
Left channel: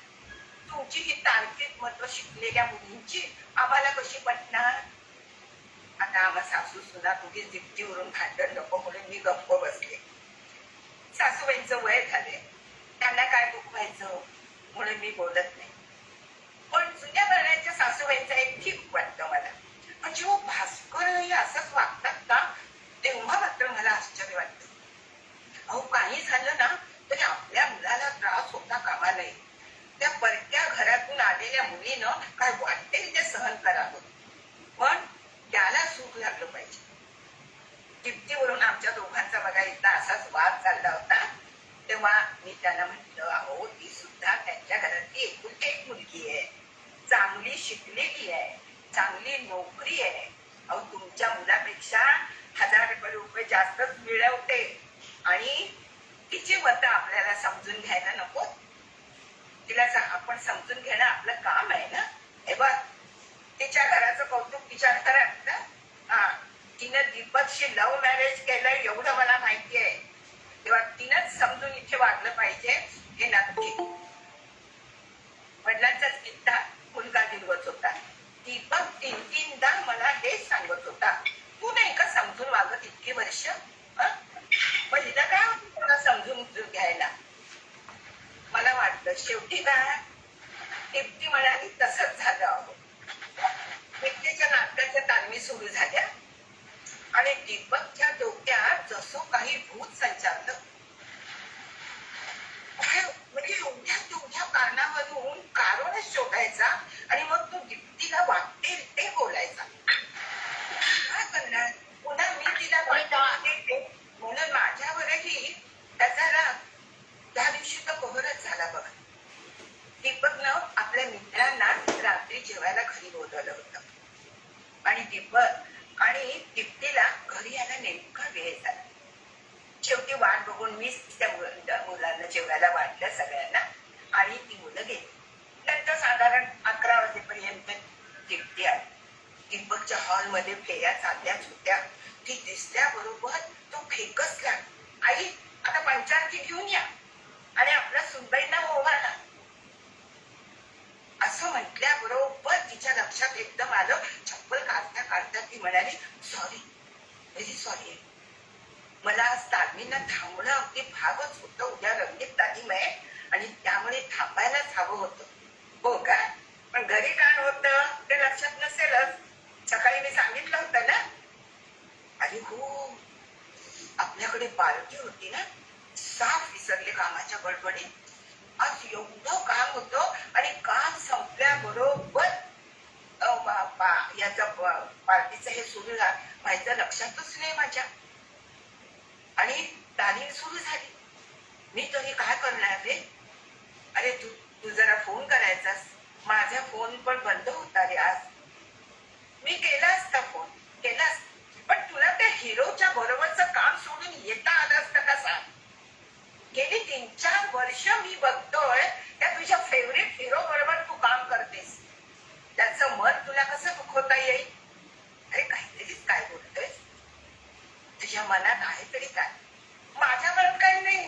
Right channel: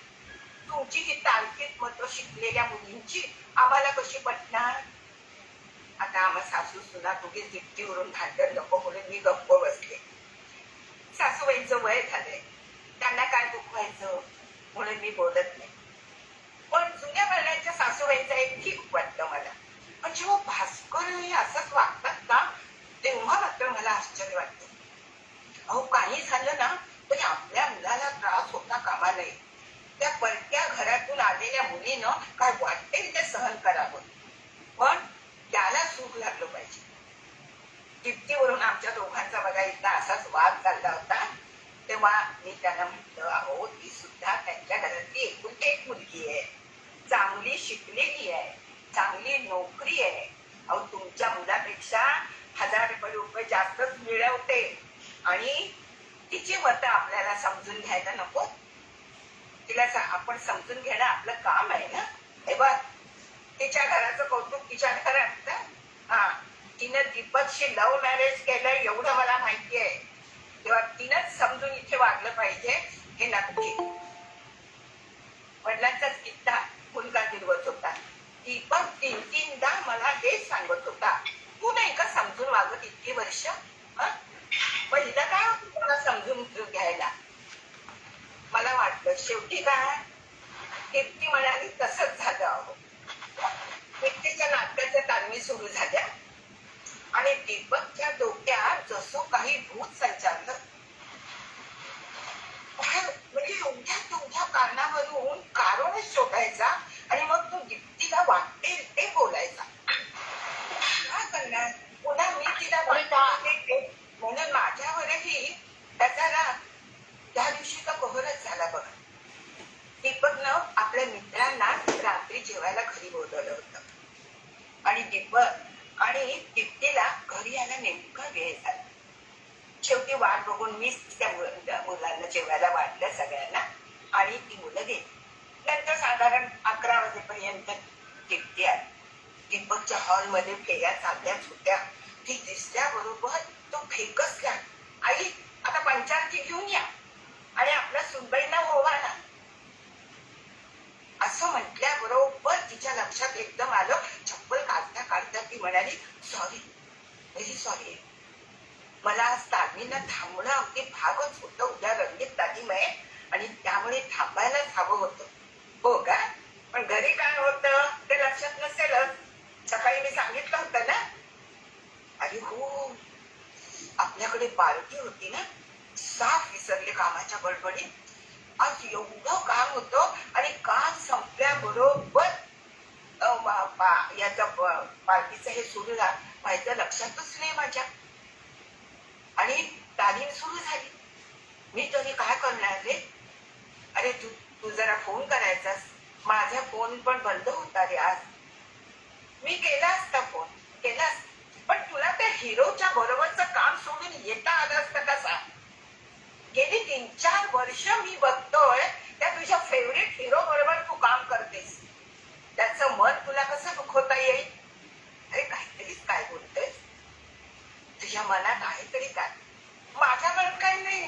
तुमची ही तांत्रिक मतं शिकलेल्या मुलींची आम्हाला कशी पटणार? आता आम्हा सासू सुना तुझी दिप्तीवरून भांडण नको म्हणून मी गप्प बसले. सासूबाईंचं वय झालंय, त्यांना काय दुखवायचं म्हणून मी बोलत नाही. पण जुन्या पाण्याच्या सासूबाईंचा एक ठीक वाटतं मला. म्हणजे हो भास्करही असंच वागतात का? तेव्हा मात्र मला आश्चर्य वाटतं. अहो काही झालं ना तरी आपल्या मुलाला त्रास होता कामा नये. त्या परक्या घरातून आलेल्या मुलीनं काय वाटेल ते सहन करावं, पण त्याला सुख लागलं पाहिजे. दीप्तीवरून आमच्या दोघांचा बघा एकदा असाच वाद चालला होता. तेव्हा मी त्यांना म्हटलं, अहो ती सुद्धा त्यांच्या घरातली एकुलती एक मुलगी आहे, चांगली शिकलेली आहे, चांगली नोकरी आहे. अहो तुमच्या मुलापेक्षा 1000 रुपये जास्तच मिळवते आणि तिची मतं आपल्याला समजून घ्यायला नको? तिला आपण समजून घेणं आपलं काम आहे ना. हे बघ तिच्या घराचं कौतुक तिच्या घरात ना. तिनं दीपकशी लव्ह मॅरेज केलं एवढं मला माहिती आहे. तेव्हा तिनंच समजून इथे वागलं पाहिजे हे नक्की. वडिलांचाच किस्सा मुलगा गिरवत होता. दीपक 3-3दा मला हेच सांगत होता, तू नाही का समजून वागत इतकी वर्ष? पहिलं काय होतं तुला समजून घ्यायला? मला वाटलं शेवटी काय दीप्ती म्हणाली तसंच झालं अहो. दीप्तीच्या नाटकाच्या तालमी सुरू झाल्या आणि दीपकच्या डोक्यात जसं काही भूत संचारलं. म्हणजे एवढ्या तेवढ्या कारणावरून कारणच शोधायचा आणि मग तो दीप्तीला वाटेल ते बोलायचा. काय करणार? पुन्हा मी तिला वाटते म्हणून माझ्यावरही त्याचा राग त्या दिवशी तर कहरच झाला बघा. दीपकनं आपल्या मित्रांना रात्री जेवायला घरी बोलवलं होतं आणि दीपक आणि दीप्तीला घरी यायला नेमका वेळ झाला. शेवटी वाट बघून मीच त्या मुलांना जेवायला वाटलं सगळ्यांना आणि ती मुलं गेली. नंतर साधारण 11 वाजेपर्यंत दीप्ती आली. दीपकच्या हॉलमध्ये फेऱ्या चालल्याच होत्या. ती दिसल्याबरोबर तो फेकसला, आई आता पंचांची घेऊन या आणि आपला सुनबाईंना ओवाळा असं म्हटल्याबरोबर तिच्या लक्षात एकदम आलं. चप्पल काढता काढता ती म्हणाली, सॉरी, व्हेरी सॉरी. मला आज तालमीला थांबणं अगदी भागच होतं. उद्या रंगीत तालीम आहे आणि त्यामुळे थांबायलाच हवं होतं. हो का? पण घरी काय होतं ते लक्षात नसेलच. सकाळी मी सांगितलं होतं ना. अरे हो, आपल्याकडे पार्टी होती ना. साफ विसरले कामाच्या गडबडीत. आज एवढं काम होतं आणि काम संपल्याबरोबर याचा पार्टीचं हे सुरू व्हायचं लक्षातच नाही माझ्या. आणि तालीम सुरू झाली. मी तरी काय करणार रे? अरे तू जरा फोन करायचास. माझा फोन पण बंद होता रे आज. मी केला असता फोन, केलास, पण तुला त्या हिरोच्या बरोबरचं काम सोडून येता आलं असतं का सांग? गेली 3-4 वर्ष मी बघतोय त्या तुझ्या फेवरेट हिरो बरोबर तू काम करतेस. त्याचं मन तुला कसं दुखवता येईल? अरे काहीतरीच काय बोलतोयस? तुझ्या मनात आहे तरी काय? माझ्या मनात काही नाही.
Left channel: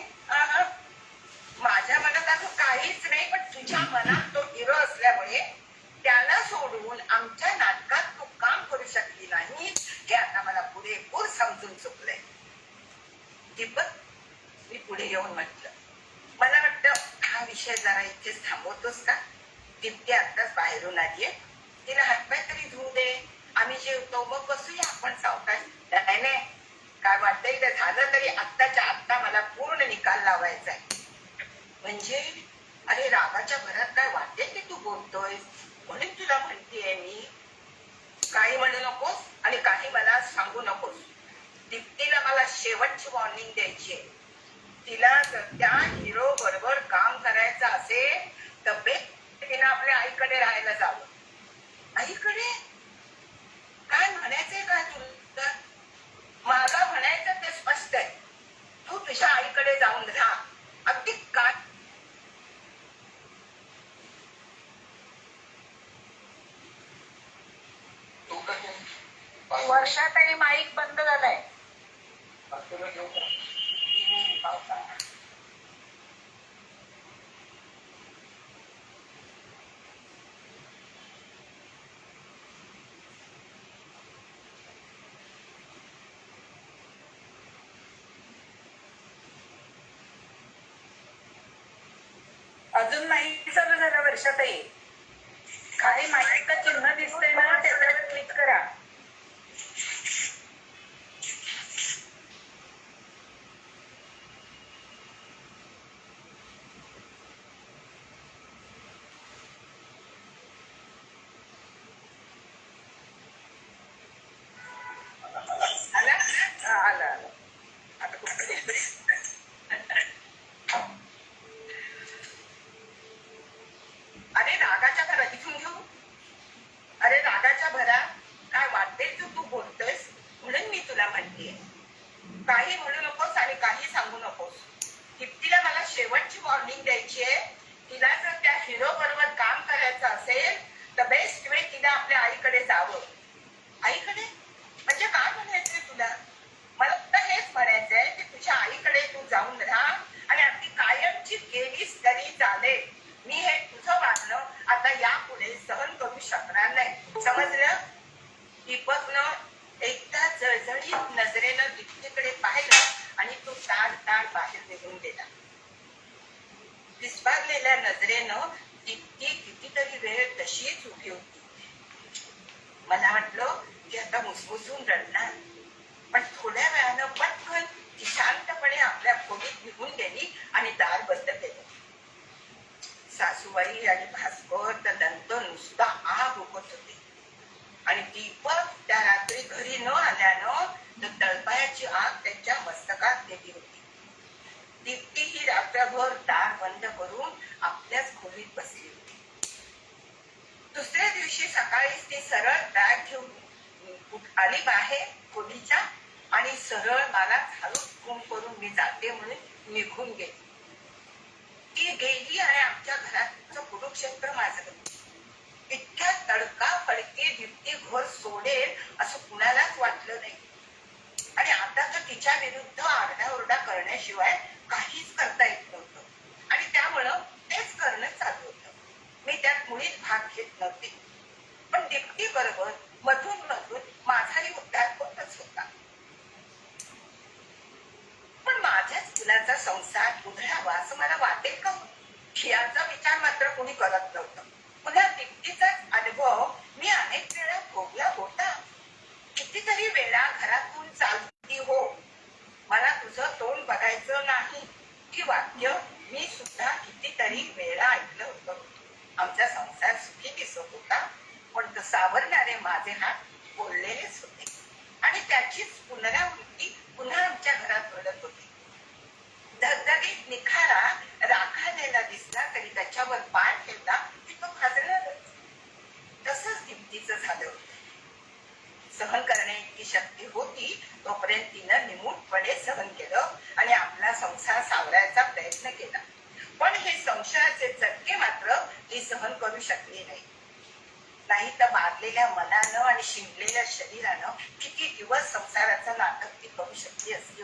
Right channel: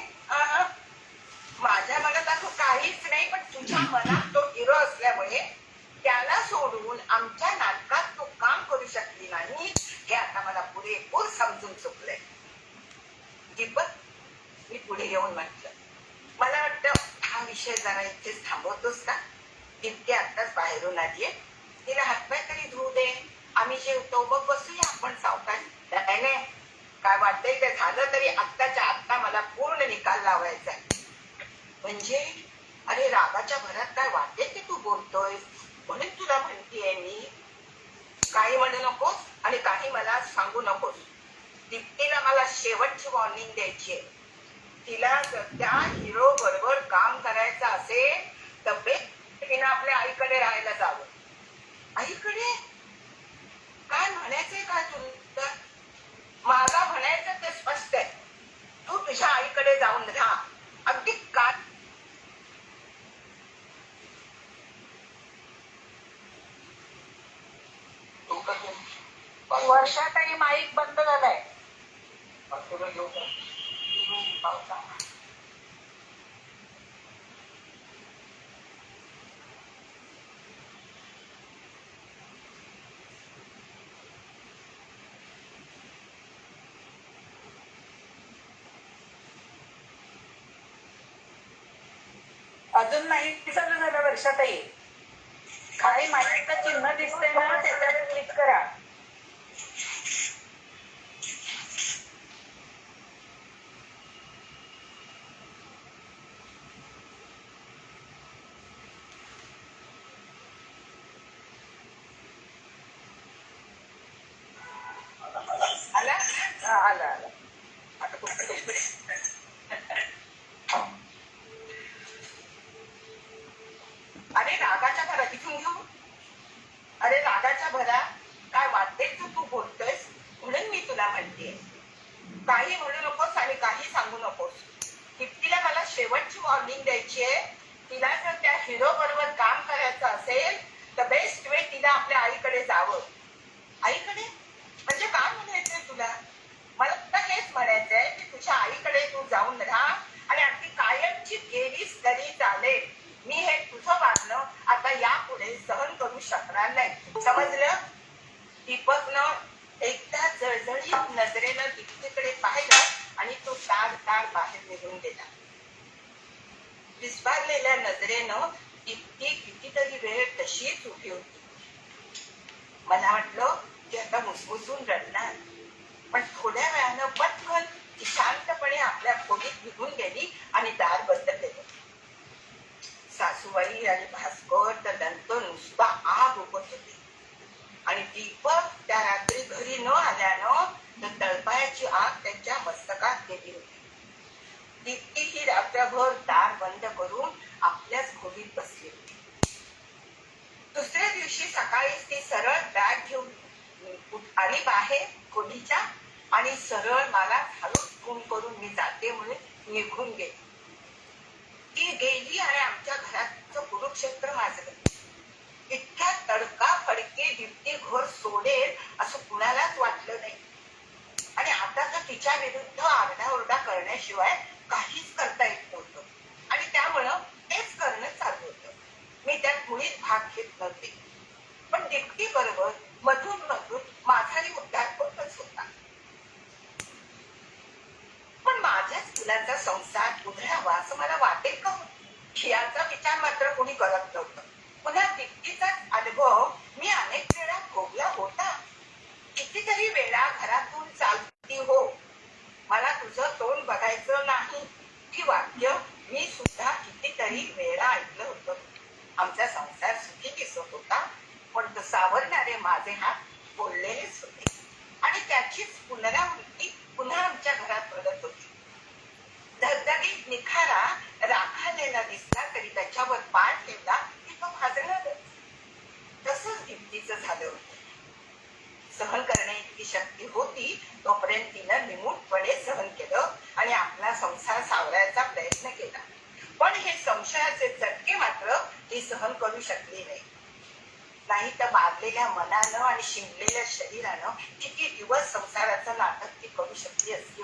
माझ्या मनात असं काहीच नाही, पण तुझ्या मनात तो हिरो असल्यामुळे त्याला सोडून आमच्या नाटकात तू काम करू शकली नाही हे आता मला पुरेपूर समजून चुकलंय. दीपक, मी पुढे येऊन म्हटलं, मला वाटतं हा विषय जरा इथेच थांबवतोस का? दीप्ती आत्ताच बाहेरून आलीये, तिला हातपाय तरी धुवू दे. आम्ही जेवतो मग बसूया आपण सावकाश. नाही, काय वाटतंय ते झालं तरी आत्ताच्या आत्ता मला पूर्ण निकाल लावायचा आहे. म्हणजे अरे रागाच्या भरात काय वाटते की तू बोलतोय म्हणून तुला म्हणतेय मी. काही म्हणू नकोस आणि काही मला सांगू नकोस. दीप्तीला मला शेवटची वॉर्निंग द्यायची आहे. तिला जर त्या हिरो बरोबर काम करायचं असेल तर तिने आपल्या आईकडे राहायला जावं. आईकडे? काय म्हणायचंय काय तुला? मला म्हणायचं ते स्पष्ट आहे. तू तुझ्या आईकडे जाऊन राहा. अगदी काय वर्षातही माईक बंद झालाय. अजून नाही चालू झालं वर्षातही. काही माईकचं चिन्ह दिसतंय ना, त्याच्यावर क्लिक करा. आलं. आता कुठे अरे रागाच्या भरात इथून घेऊ. अरे रागाच्या भरात काय वाटेल तू बोलतोयस म्हणून मी तुला म्हणतेय. काही म्हणू नकोस आणि काही सांगू नकोस. दीप्तीला मला शेवटची वॉर्निंग द्यायची आहे. तिला जर त्या हिरो बरोबर काम करायचं असेल तर बेस्ट वे तिला आपल्या आईकडे जावं. आईकडे म्हणजे काय म्हणायचंय तुला? मला तुला हेच म्हणायचंय की तुझ्या आईकडे तू जाऊन राहा आणि अगदी कायमची गेलीस तरी चालेल. मी हे तुझं वागणं आता यापुढे सहन करू शकणार नाही. समजलं? दीपकनं एकदा जळजळीत नजरेनं दीप्तीकडे पाहिलं आणि तो ताड बाहेर निघून गेला. विस्पारले उजळलेल्या नजरेनं ती कितीतरी वेळ तशीच उभी होती. मला वाटलं की आता मुसमुसून रडणार, पण थोड्या वेळानं पटकन ती शांतपणे आपल्या खोलीत निघून गेली आणि दार बंद केलं. सासूबाई आणि भास्कर तर नंतर नुसता आग उगत होती आणि दीपक त्या रात्री घरी न आल्यानं तर तळपायाची आग त्यांच्या मस्तकात गेली होती. दीप्ती ही रात्रभर दार बंद करून आपल्याच खोलीत बसली होती. दुसऱ्या दिवशी सकाळीच ती सरळ बॅग घेऊन आली बाहेर खोलीच्या आणि सरळ मला हळूच फोन करून मी जाते म्हणून निघून गेली. ती गेली आणि आमच्या घराचं कुरुक्षेत्र माजलं. इतक्या तडकाफडकी दीप्ती घर सोडेल असं कुणालाच वाटलं नाही आणि आता तर तिच्या विरुद्ध आरडाओरडा करण्याशिवाय काहीच करता येत नव्हतं आणि त्यामुळं तेच करणं चालू होतं. मी त्यात मुळीच भाग घेत नव्हते, पण दीप्ती बरोबर मधून मधून माझाही उद्धार होतच होता. पण माझ्याच मुलाचा संसार उधळावा असं मला वाटेल का याचा विचार मात्र कोणी करत नव्हतं. पुन्हा दीप्तीचाच अनुभव मी अनेक वेळा भोगला होता. कितीतरी वेळा घरातून चालती हो, मला तुझं तोंड बघायचं नाही ही वाक्य मी सुद्धा कितीतरी वेळा ऐकलं होतं. आमचा संसार सुखी दिसत होता, पण तो सावरणारे माझे हात बोललेलेच होते आणि त्याचीच पुनरावृत्ती पुन्हा आमच्या घरात घडत होती. धगधगीत निखारा राखायला दिसला तरी त्याच्यावर पाय ठेवला की तो भाजणारच. तसंच दीप्तीचं झालं होतं. सहन करण्याची शक्ती होती तोपर्यंत तिनं निमूटपणे सहन केलं आणि आपला संसार सावरायचा प्रयत्न केला. पण हे संशयाचे चटके मात्र ती सहन करू शकली नाही तर बांधलेल्या मनानं आणि शिंकलेल्या शरीरानं किती दिवस संसाराचं नाटक ती करू शकली असती.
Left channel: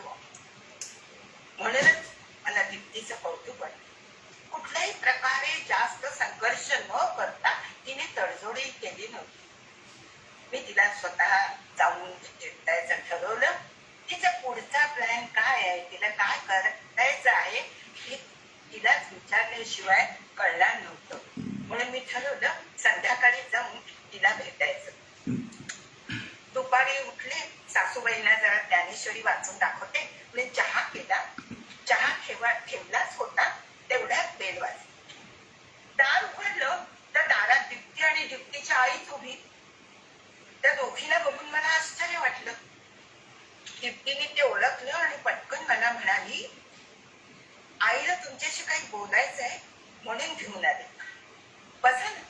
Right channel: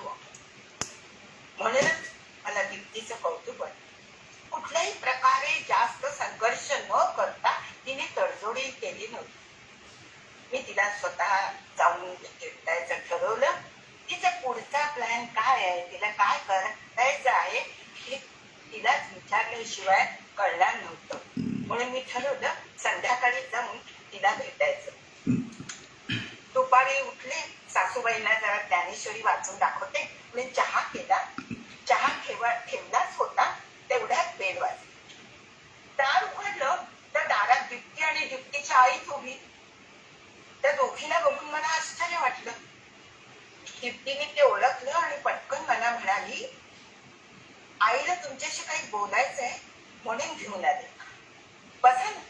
म्हणूनच मला दीप्तीचं कौतुक वाटतं. कुठल्याही प्रकारे जास्त संघर्ष न करता तिने तडजोडी केली नव्हती. मी तिला स्वतः जाऊन भेटायचं ठरवलं. तिचा पुढचा प्लॅन काय आहे, तिला काय करायचं आहे हे तिलाच विचारल्याशिवाय कळणार नव्हतं. म्हणून मी ठरवलं संध्याकाळी जाऊन तिला भेटायचं. दुपारी उठले, सासूबाईंना जरा ज्ञानेश्वरी वाचून दाखवते म्हणजे चहा केला. चहा ठेवलाच होता तेवढ्यात बेल वाजली. दार उघडलं तर दारात दीप्ती आणि दीप्तीची आईच उभी. त्या दोघीला बघून मला आश्चर्य वाटलं. दीप्तीने ते ओळखलं आणि पटकन मला म्हणाली, आईला तुमच्याशी काही बोलायचंय म्हणून घेऊन आले. बसा ना.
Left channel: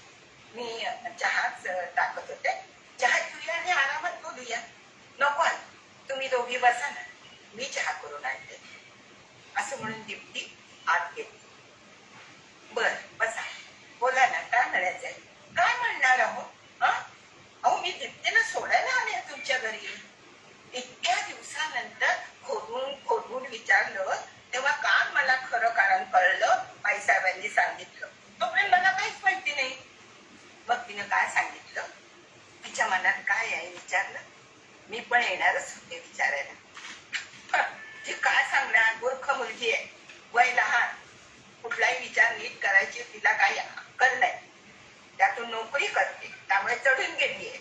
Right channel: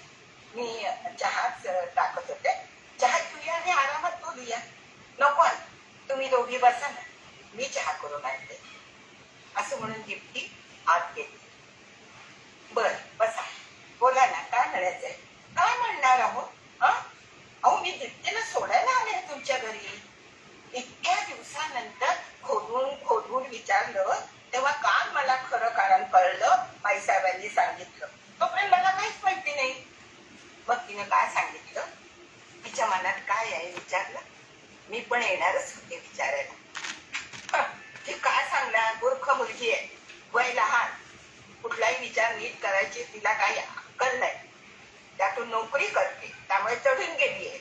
मी चहाच टाकत होते. चहा पिऊया आणि आरामात बोलूया. नको तुम्ही दोघी बसा ना, मी चहा करून आणते असं म्हणून दीप्ती आत गेली. बर बसा, बोला ना, काय म्हणायचंय? काय म्हणणार आहोत? अहो मी दीप्तीला सोडायला आले तुमच्या घरी. इतक्या दिवसानंतर खोदून विचारलं तेव्हा का मला खरं कारण कळलं आईसाहेबांनी सांगितलं. तोपर्यंत मला काहीच माहिती नाही. मग तिने काय सांगितलं, तिच्या मनात काय आहे विचारलं. मी पण येणारच होते विचारायला. ती काय सांगणार, मूर्ख मुलगी आहे, वय लहान, कुठलाही विचार नीट करायची तिला काही अक्कल नाही. त्यातून नोकरी करते त्यामुळे चढून गेली आहे.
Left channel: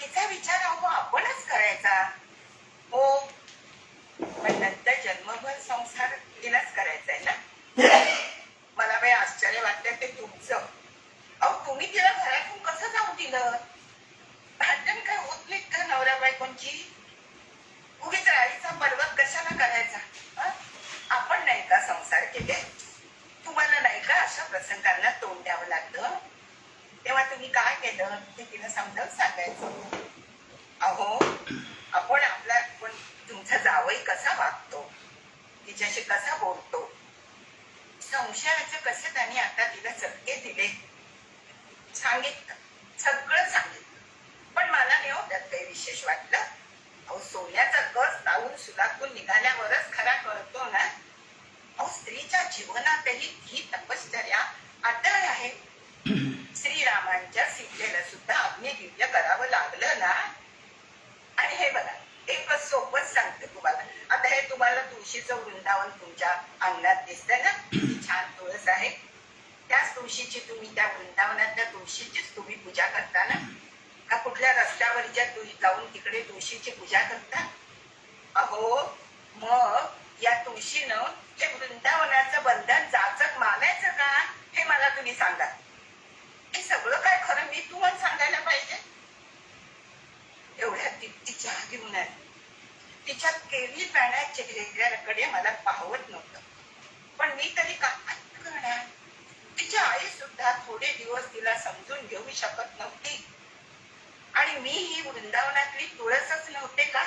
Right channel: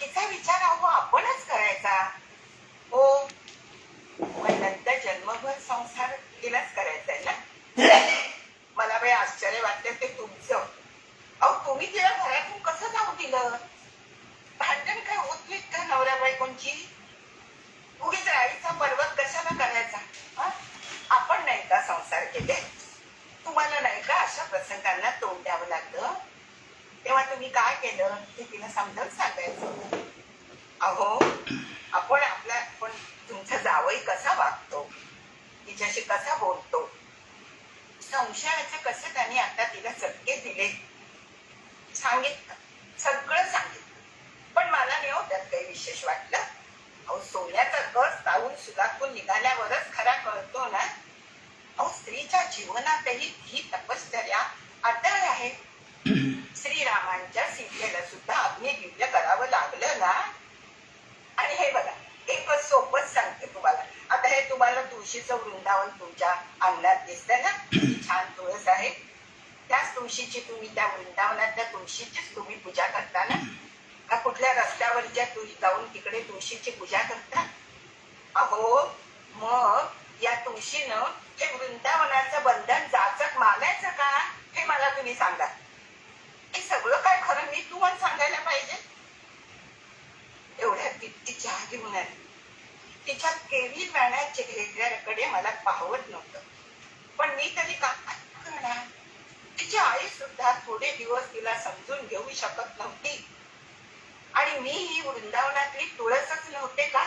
तिचा विचार अहो आपणच करायचा हो, पण नंतर जन्मभर संसार तिलाच करायचा आहे ना. मला काही आश्चर्य वाटतं ते तुमचं. अहो तुम्ही तिला घरातून कसं जाऊ दिलं? भांडण काय होत नाहीत का नवऱ्या बायकोंची? उगीच राईचा पर्वत कशाला करायचा? आपण नाही का संसार केले? तुम्हाला नाही का अशा प्रसंगांना तोंड द्यावं लागलं? तेव्हा तुम्ही काय केलं ते तिला समजावून सांगायचं. अहो आपण तुमचा जावई कसा वागतो, तिच्याशी कसा बोलतो, संशयाचे कसे त्यांनी आता तिला चटके दिले सांगितलं, सगळं सांगितलं. पण मला नाही त्यात काही विशेष वाटलं. अहो सोन्याचा कस लावून सुलातून निघाल्यावरच खरा कळतो ना. अहो स्त्रीच्या जीवनातही ही तपश्चर्या अटळ आहे. श्रीरामांच्या सीतेला सुद्धा अग्निदिव्य करावं लागलं ना. आणि हे बघा, एक सोपच सांगते तुम्हाला. आता हे तुम्हाला तुळशीचं वृंदावन तुमच्या अंगणात दिसतंय ना, छान तुळस आहे. त्याच तुळशीची तुम्ही त्या वृंदावनातल्या तुळशीचीच तुम्ही पूजा करता ना? का कुठल्या रस्त्यावरच्या जाऊन तिकडे तुळशीची पूजा करता? अहो, मग या तुळशीनं हे वृंदावनाचं बंधन जाचक मानायचं का, हे मला तुम्ही सांगा. हे सगळं काय खरं मी तुम्हाला सांगायला पाहिजे? एवढ्या ती चहा घेऊन आली. तिच्या केळी पाण्याच्या चेहऱ्याकडे मला पाहवत नव्हतं, पण मी तरी काय करणार? तिची आई सुद्धा थोडे दिवस तिला समजून घेऊ शकत नव्हती. आणि मी ही वृंदावनातली तुळसच नव्हते का?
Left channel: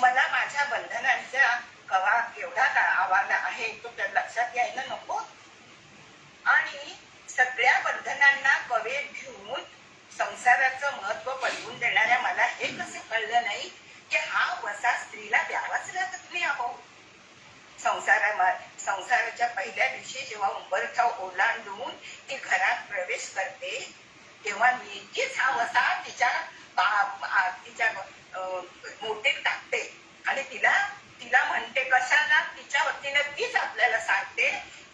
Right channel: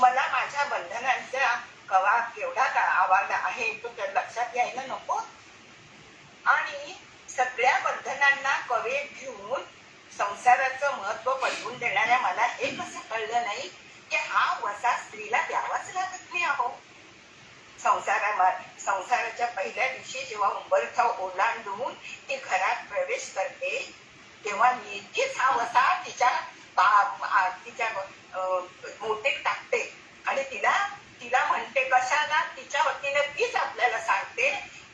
मला माझ्या बंधनांचा कवा केवढा आवाज आहे तो तर लक्षात यायला नको? आणि सगळ्या बंधनांना कवे घेऊन संसाराचं महत्व पटवून देणाऱ्या मला हे कसं कळलं नाही की हा वसा स्त्रीला द्यावाच लागत नाही. अहो, संसाराच्या पहिल्या दिवशी जेव्हा उंबरठा ओलांडून ती घरात प्रवेश करते तेव्हा नेमकीच हा वसा तिच्या मोठे टाकते आणि तिला म्हणते कशाला, तिच्या वतीनं तीच आपल्याला सांगते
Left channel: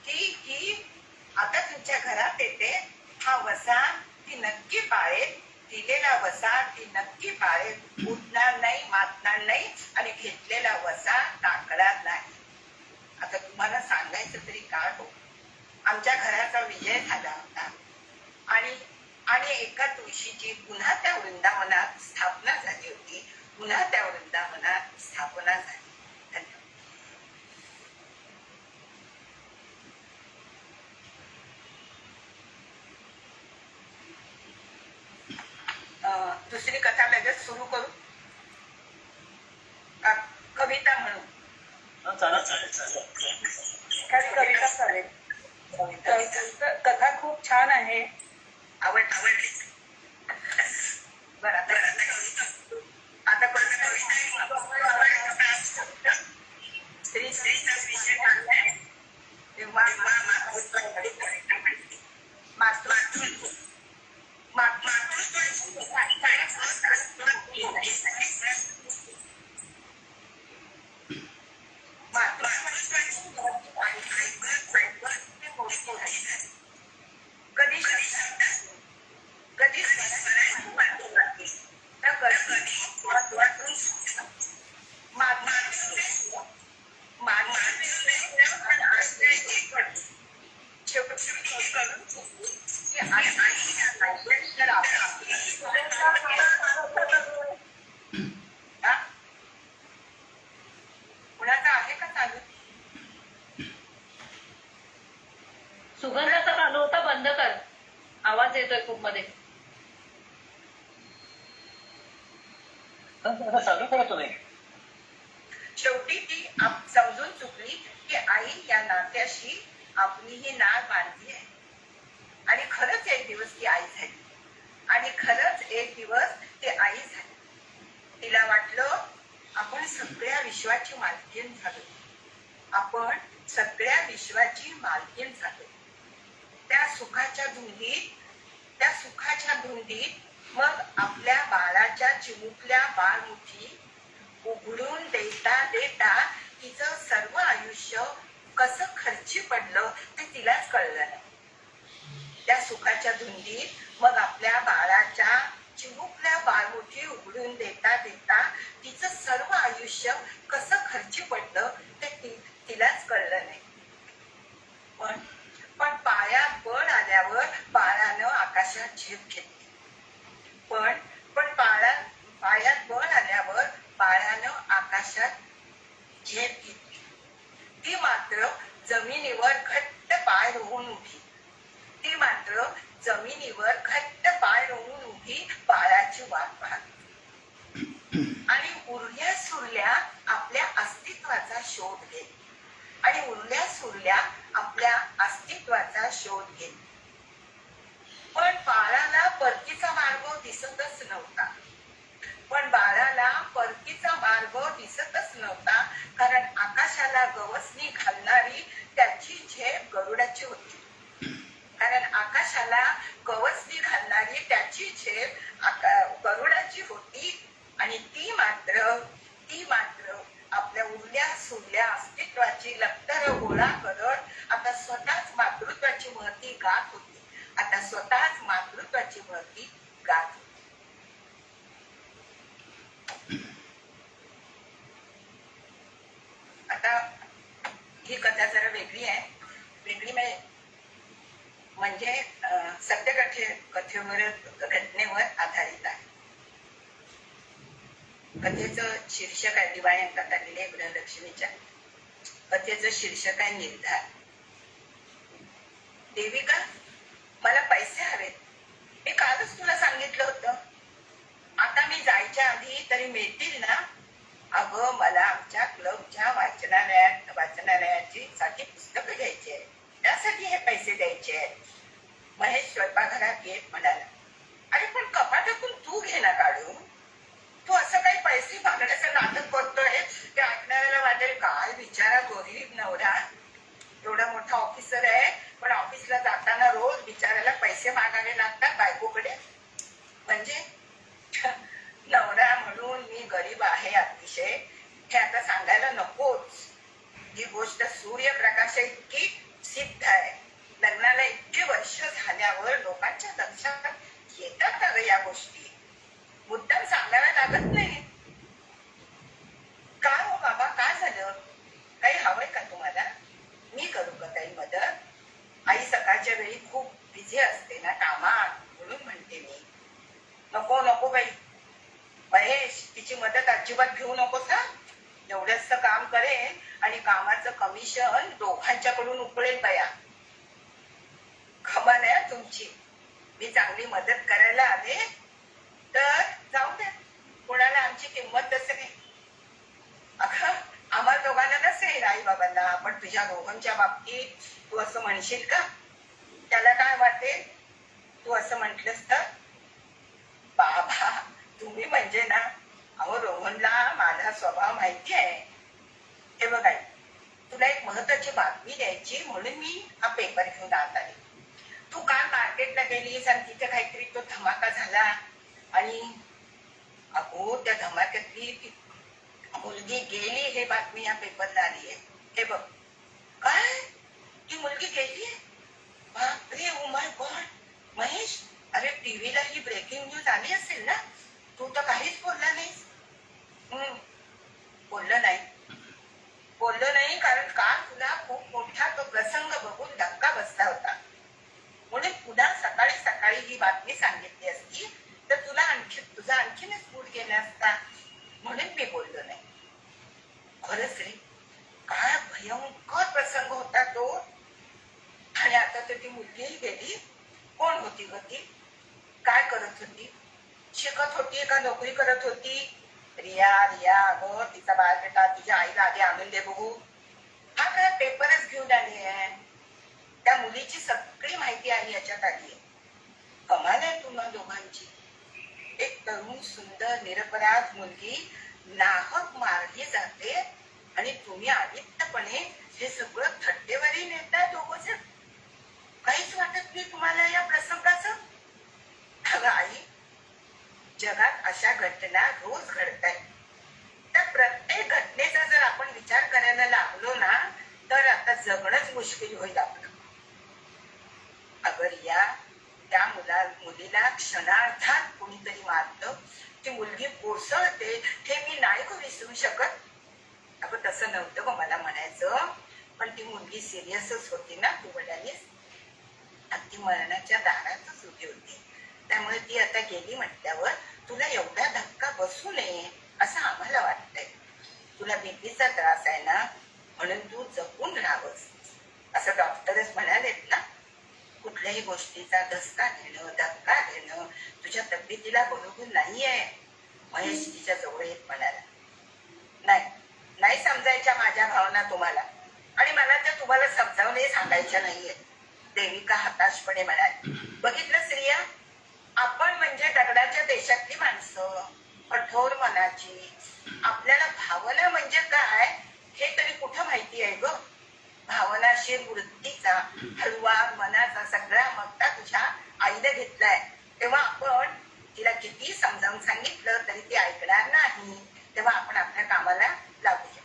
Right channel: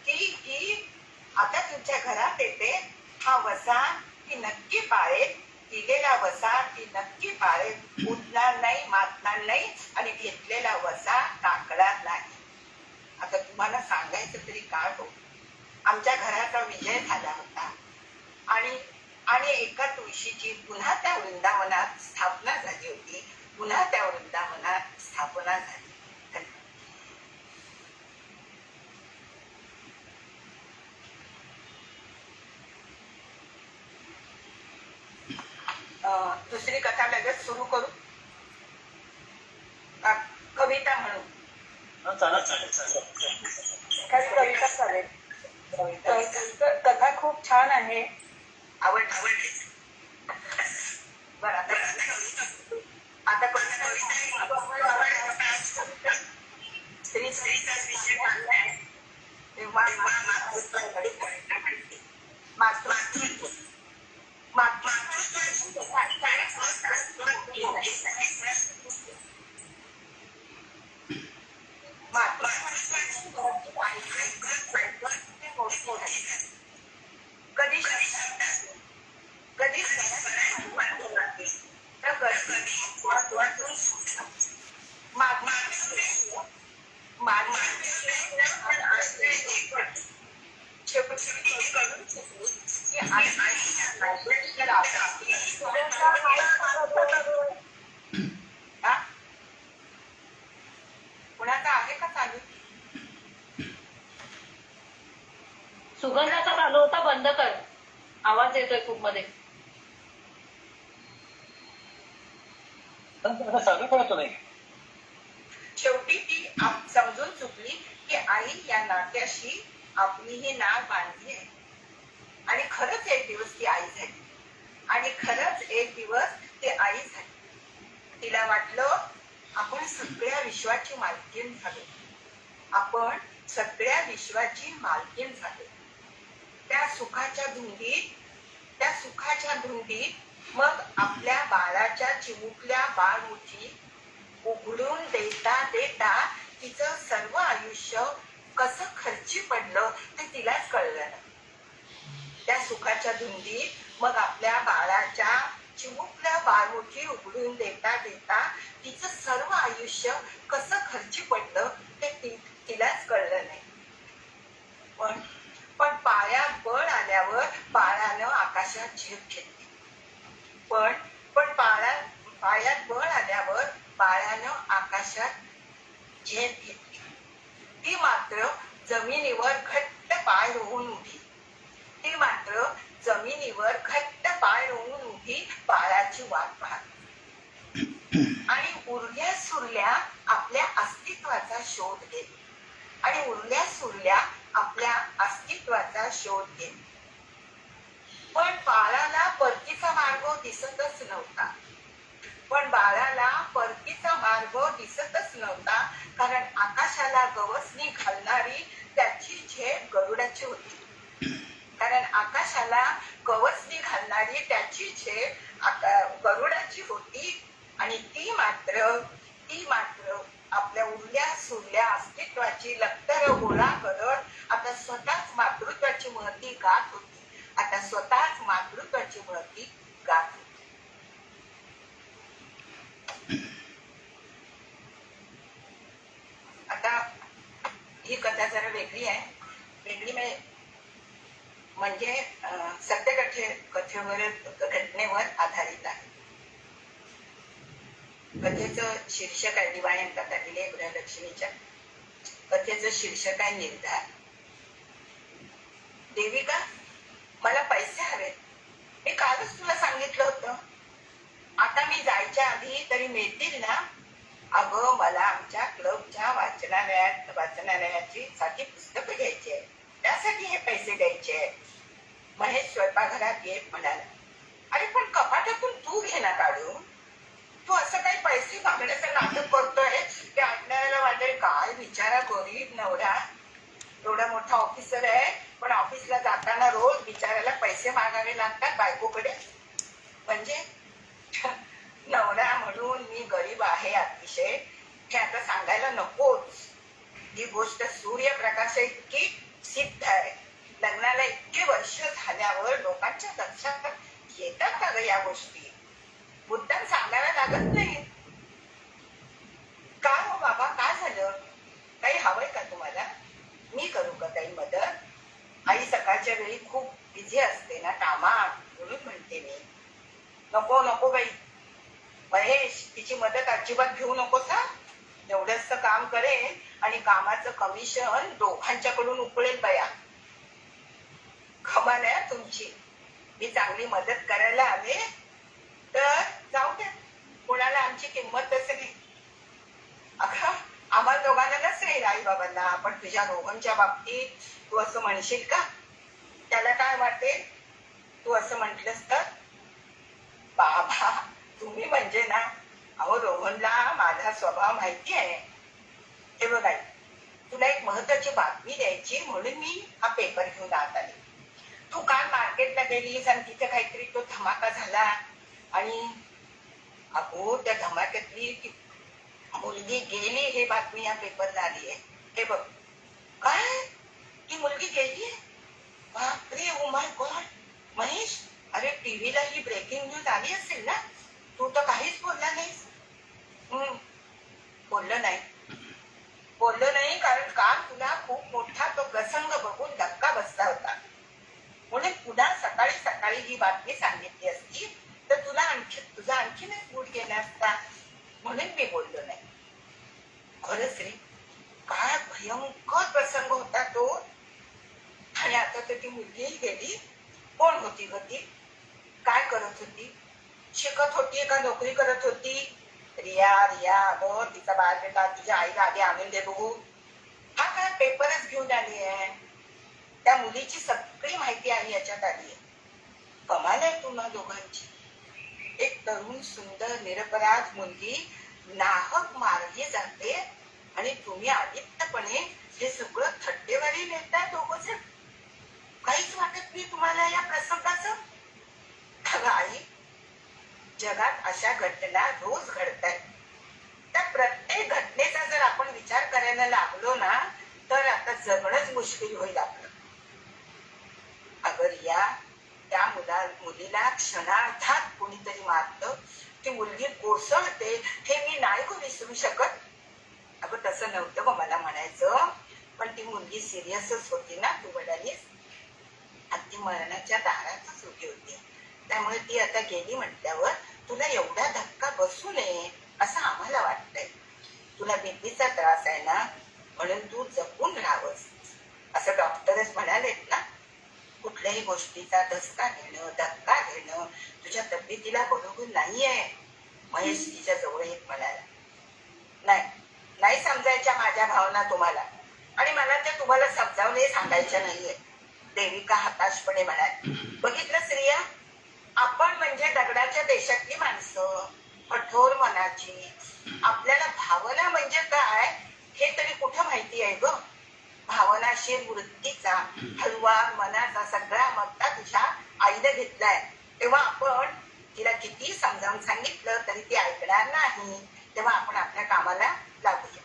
की आता तुमच्या घरात येते, हा वसा ती नक्की पाळेल, दिलेला वसा ती नक्की पाळेल, उठणार नाही, मातणार नाही आणि घेतलेला वसा टाकणार नाही. आता तुम्हाला सांगायचं तरी काय हो, आमच्या घराचा विजय झाला होता आणि एका तुळशीची पुन्हा त्या वृंदावनात स्थापना झाली होती. पुन्हा त्या वृंदावनात स्थापना झाली. दुसरी कथा लगेच सुरू करू? कविता म्हणू? कविता चालेल. कथा खूप छान आहे. आवडली. बरं, आता स्त्रीचा विषय काढलाय तेव्हा कुणाचा आहे का चालू? सुगंधाचा चालू होता, बंद कर. आवाज येतोय खूप मध्ये. शेवटी ती समजून चुकली की आई या नात्याशी आपलीही नाळ बांधली आहे. आणि खरंच एक दिवस ती आई झाली. तिला वाटलं आपण सगळ्या विश्वाची मालकीण झालो. त्या सुखाच्या धुंदीत मग आपल्या बाळाच्या चिमुकल्या बाळमुठी उघडून देता तिचं सर्व आयुष्य कसं खर्ची पडलं ते तिलाच कळलं नाही. त्या सुखाच्या धुंदीत मग आपल्या बाळाच्या चिमुकल्या बाळमुठी उघडून देता तिचं सर्व आयुष्य कसं खर्ची पडलं ते तिलाच कळलं नाही. पण पायात बळ आल्यावर बाळानं आकाशात झेप घेतली. पण पायात बळ आल्यावर बाळानं आकाशात झेप घेतली. ती मात्र जमिनीवर घट्ट पाय रोवून उभी बाळाची वाट पाहत आणि उरल्या सुरल्या आपल्या अस्तित्वाचा शोध घेत. पण बाळाला परतीचा मार्ग दिसतच नव्हता. कारण आकाशाला गवसणी घालणारी त्याची झेप गरुडाची होती. आणि ती मात्र आपल्या उरल्या सुरल्या अस्तित्वाची लक्तर गोळा करत आता स्वतःच मातृत्वाची महती गात होती. आता स्वतःच मातृत्वाची महती गात होती. आता ही कथा जरा वेगळी आहे. वेगळी म्हणजे सत्य कथेवर घटनेवर आधारित आहे. कथेचं शीर्षक आहे दिवाळ्यांकात आलेले गृहलक्ष्मीच्या कथेचं शीर्षक आहे निर्धार. देविका, मला पैसे हवे. मी कालच तुला सांगितलं होतं. आता मी जायच्या आधी तरी मिळतील ना? अगं, मला आमच्या क्लबच्या वाचनालयाची साठी पुस्तकं घ्यायची आहेत. त्यासाठी हे पैसे द्यायचे आहेत. महेश स्वयंपाकघरात येत म्हणाला, अरे पण कपाटातून तू घे ना काढून. तू असं काही पैसे मागण्याचं नाटक करतोय ते ऐकणाऱ्याला वाटेल काय बिचारा गरीब नवरा, एवढा मोठा ऑफिसर आहे पण ऑफिसला जाताना रोज बिचाराला पैसे मागावे लागतात बायकोकडे. म्हणजे नवरा म्हणून मी गरीब आहे अतिशय हे आता सांगायला नकोच. ही गोष्ट सूर्यप्रकाशा इतकी सिद्ध आहे. लग्नाला इतके वर्ष झाल्यावर लोकांच्या लक्षात येतात का ग या गोष्टी? मुद्दाम सांगायला लागत नाही. का हो बाबा, काय झालं? काही हवंय का तुम्हाला? मी करू का काही मदत? आई सकाळच्या वेळी खूप बिझी असते ना कामात, म्हणून म्हणते मी. नको नको बाई. महेश, तिची मदत अजिबात घेऊ नकोस हा. एवढंच काम करेल आणि कामाचं कमिशन दोघांच्याकडून उकळेल बया. कमाल आहे तुमची. मी चांगली मदत करायला हवे तर जाऊ दे. कोणाला आमची किंमत नाही. अगं, आम्हा दोघांना नसेल आई बाबांना, पण तुझ्या दोघांच्या बाबतीत तू असं म्हणशील का? त्याला काय वाटेल तू असं म्हटलंस तर? बाबा, तुम्ही म्हणजे ना, अहो रोहनला माझा स्वभाव माहिती आहे. हे बघ आई, तुला एक महत्वाची बातमी द्यायची म्हणून मी हा पेपर घेऊन आत आले. तू काल मार्केटला गेलीस आणि तिथे काहीतरी तो धमाका झाला आणि अगो त्या धमाक्यातली ती मुलगी गेली हे बातमी या पेपरला आली आहे. हे बघ. काय? ती मुलगी गेली? बापरे, ओ माय गॉड. महेश, अरे टीव्हीला ही ब्रेकिंग न्यूज आली असेल ना? तू तर काहीच बोलला नाहीस. बोललो नाही कारण काल तुला खूप मोठा तो प्रसंग बघून धक्का बसला होता. म्हणून पुन्हा सकाळी सकाळी ही बातमी सांगितली असती तर तुझा आणखीनच मूड गेला असता. म्हणून मी बोललो नाही. खरंच रे, काय भयंकर प्रसंग होता तो. आणि आता तर ती मुलगीही गेली. कोण होती ग ती? काय करत होती? शिकत होती का नोकरी करत होती? रिया, अगं तिचा बायोडेटा तुझ्या आईला आधी आणून दे बघू. हा काय पेपरच घेऊन आली आहे. त्या मुलीची सगळी माहिती आली याच्यात आली आहे. कमाल आहे तुम्हा दोघांची. एक तरुण सुंदर निरपराध मुलगी नाहक मारली जाते आणि तुम्ही आदित्यपणे हे सगळं थट्टेवारी नेताय दोघं जण. काहीच वाटत नाही तुम्हाला या प्रसंगाचं? आई, जगात अशा घटना रोज घडतायत. त्या प्रत्येक घटनेचा जर आपण विचार करायला लागलो ना तर आता जगणंच मुश्किल होईल आपलं. अगर या त्या मुलीला क्षणार्धात कोणीतरी मारतं, ती मुलगी कोसळते हे मी नाही को विसरू शकत. अगं तसं नव्हतं ग मला म्हणायचं, पण ती मुलगी सिरियसच होती ना. तू म्हणालीस ती मरणाच्या दारातच उभी होती. त्यामुळे ती आता गेली म्हटल्यावर तुला एवढा धक्का बसू नये असं आम्हाला वाटतंय. तुला बीपीचा त्रास आहे ना, म्हणून तू जपून राहावंस असं डॉक्टरच म्हणालेत ना. कुठल्याही गोष्टीचा धक्का घेणं तुझ्या तब्येतीला बरोबर नाहीये. महेश तिच्या जवळ येत म्हणाला. नाही समजायच्या माझ्या भावना तुम्हाला, आणि मला त्या तुम्हाला समजावणे सांगायच्या नाहीये. देविका हताशपणे म्हणाली. बघितलं स्त्रिया, आपण म्हणजे दगडाच्या देशातली माणसं, कठोर मनाची. आपल्याला भावना म्हणजे काय हे तरी कुठं माहिती आहे ग? भावनाशील वृत्तीचा हलवा मनाचा सगळा मत्ता तुझ्या आईने घेतलाय. तेव्हा आपण तिला किती समजावून सांगितलं तरी ती ऐकणार नाही. तेव्हा आपण आपल्या कामाला लागूया.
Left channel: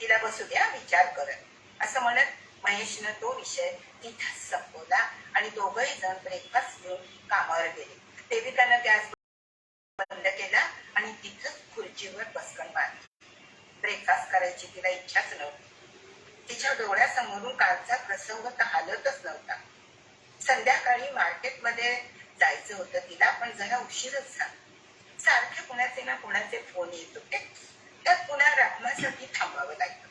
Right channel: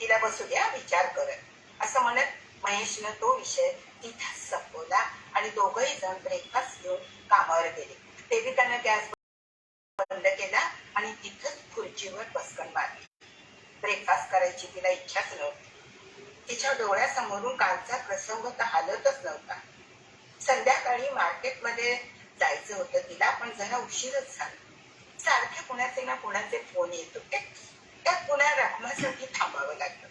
तिला बसू द्या विचार करत असं म्हणत महेशनं तो विषय तिथंच संपवला आणि दोघंही जण ब्रेकफास्ट घेऊन कामावर गेले. देविकानं गॅस बंद केला आणि तिथंच खुर्चीवर बसकन मारली. ब्रेकफास्ट करायची तिला इच्छाच नव्हती. तिच्या डोळ्यासमोरून कालचा प्रसंग तर हालतच नव्हता. संध्याकाळी मार्केटमध्ये जायचं होतं तिला, पण जरा उशीरच झाला. सारखे कुणाचे ना कुणाचे फोन येत होते. त्यात पुन्हा रामासाठी थांबावं लागलं.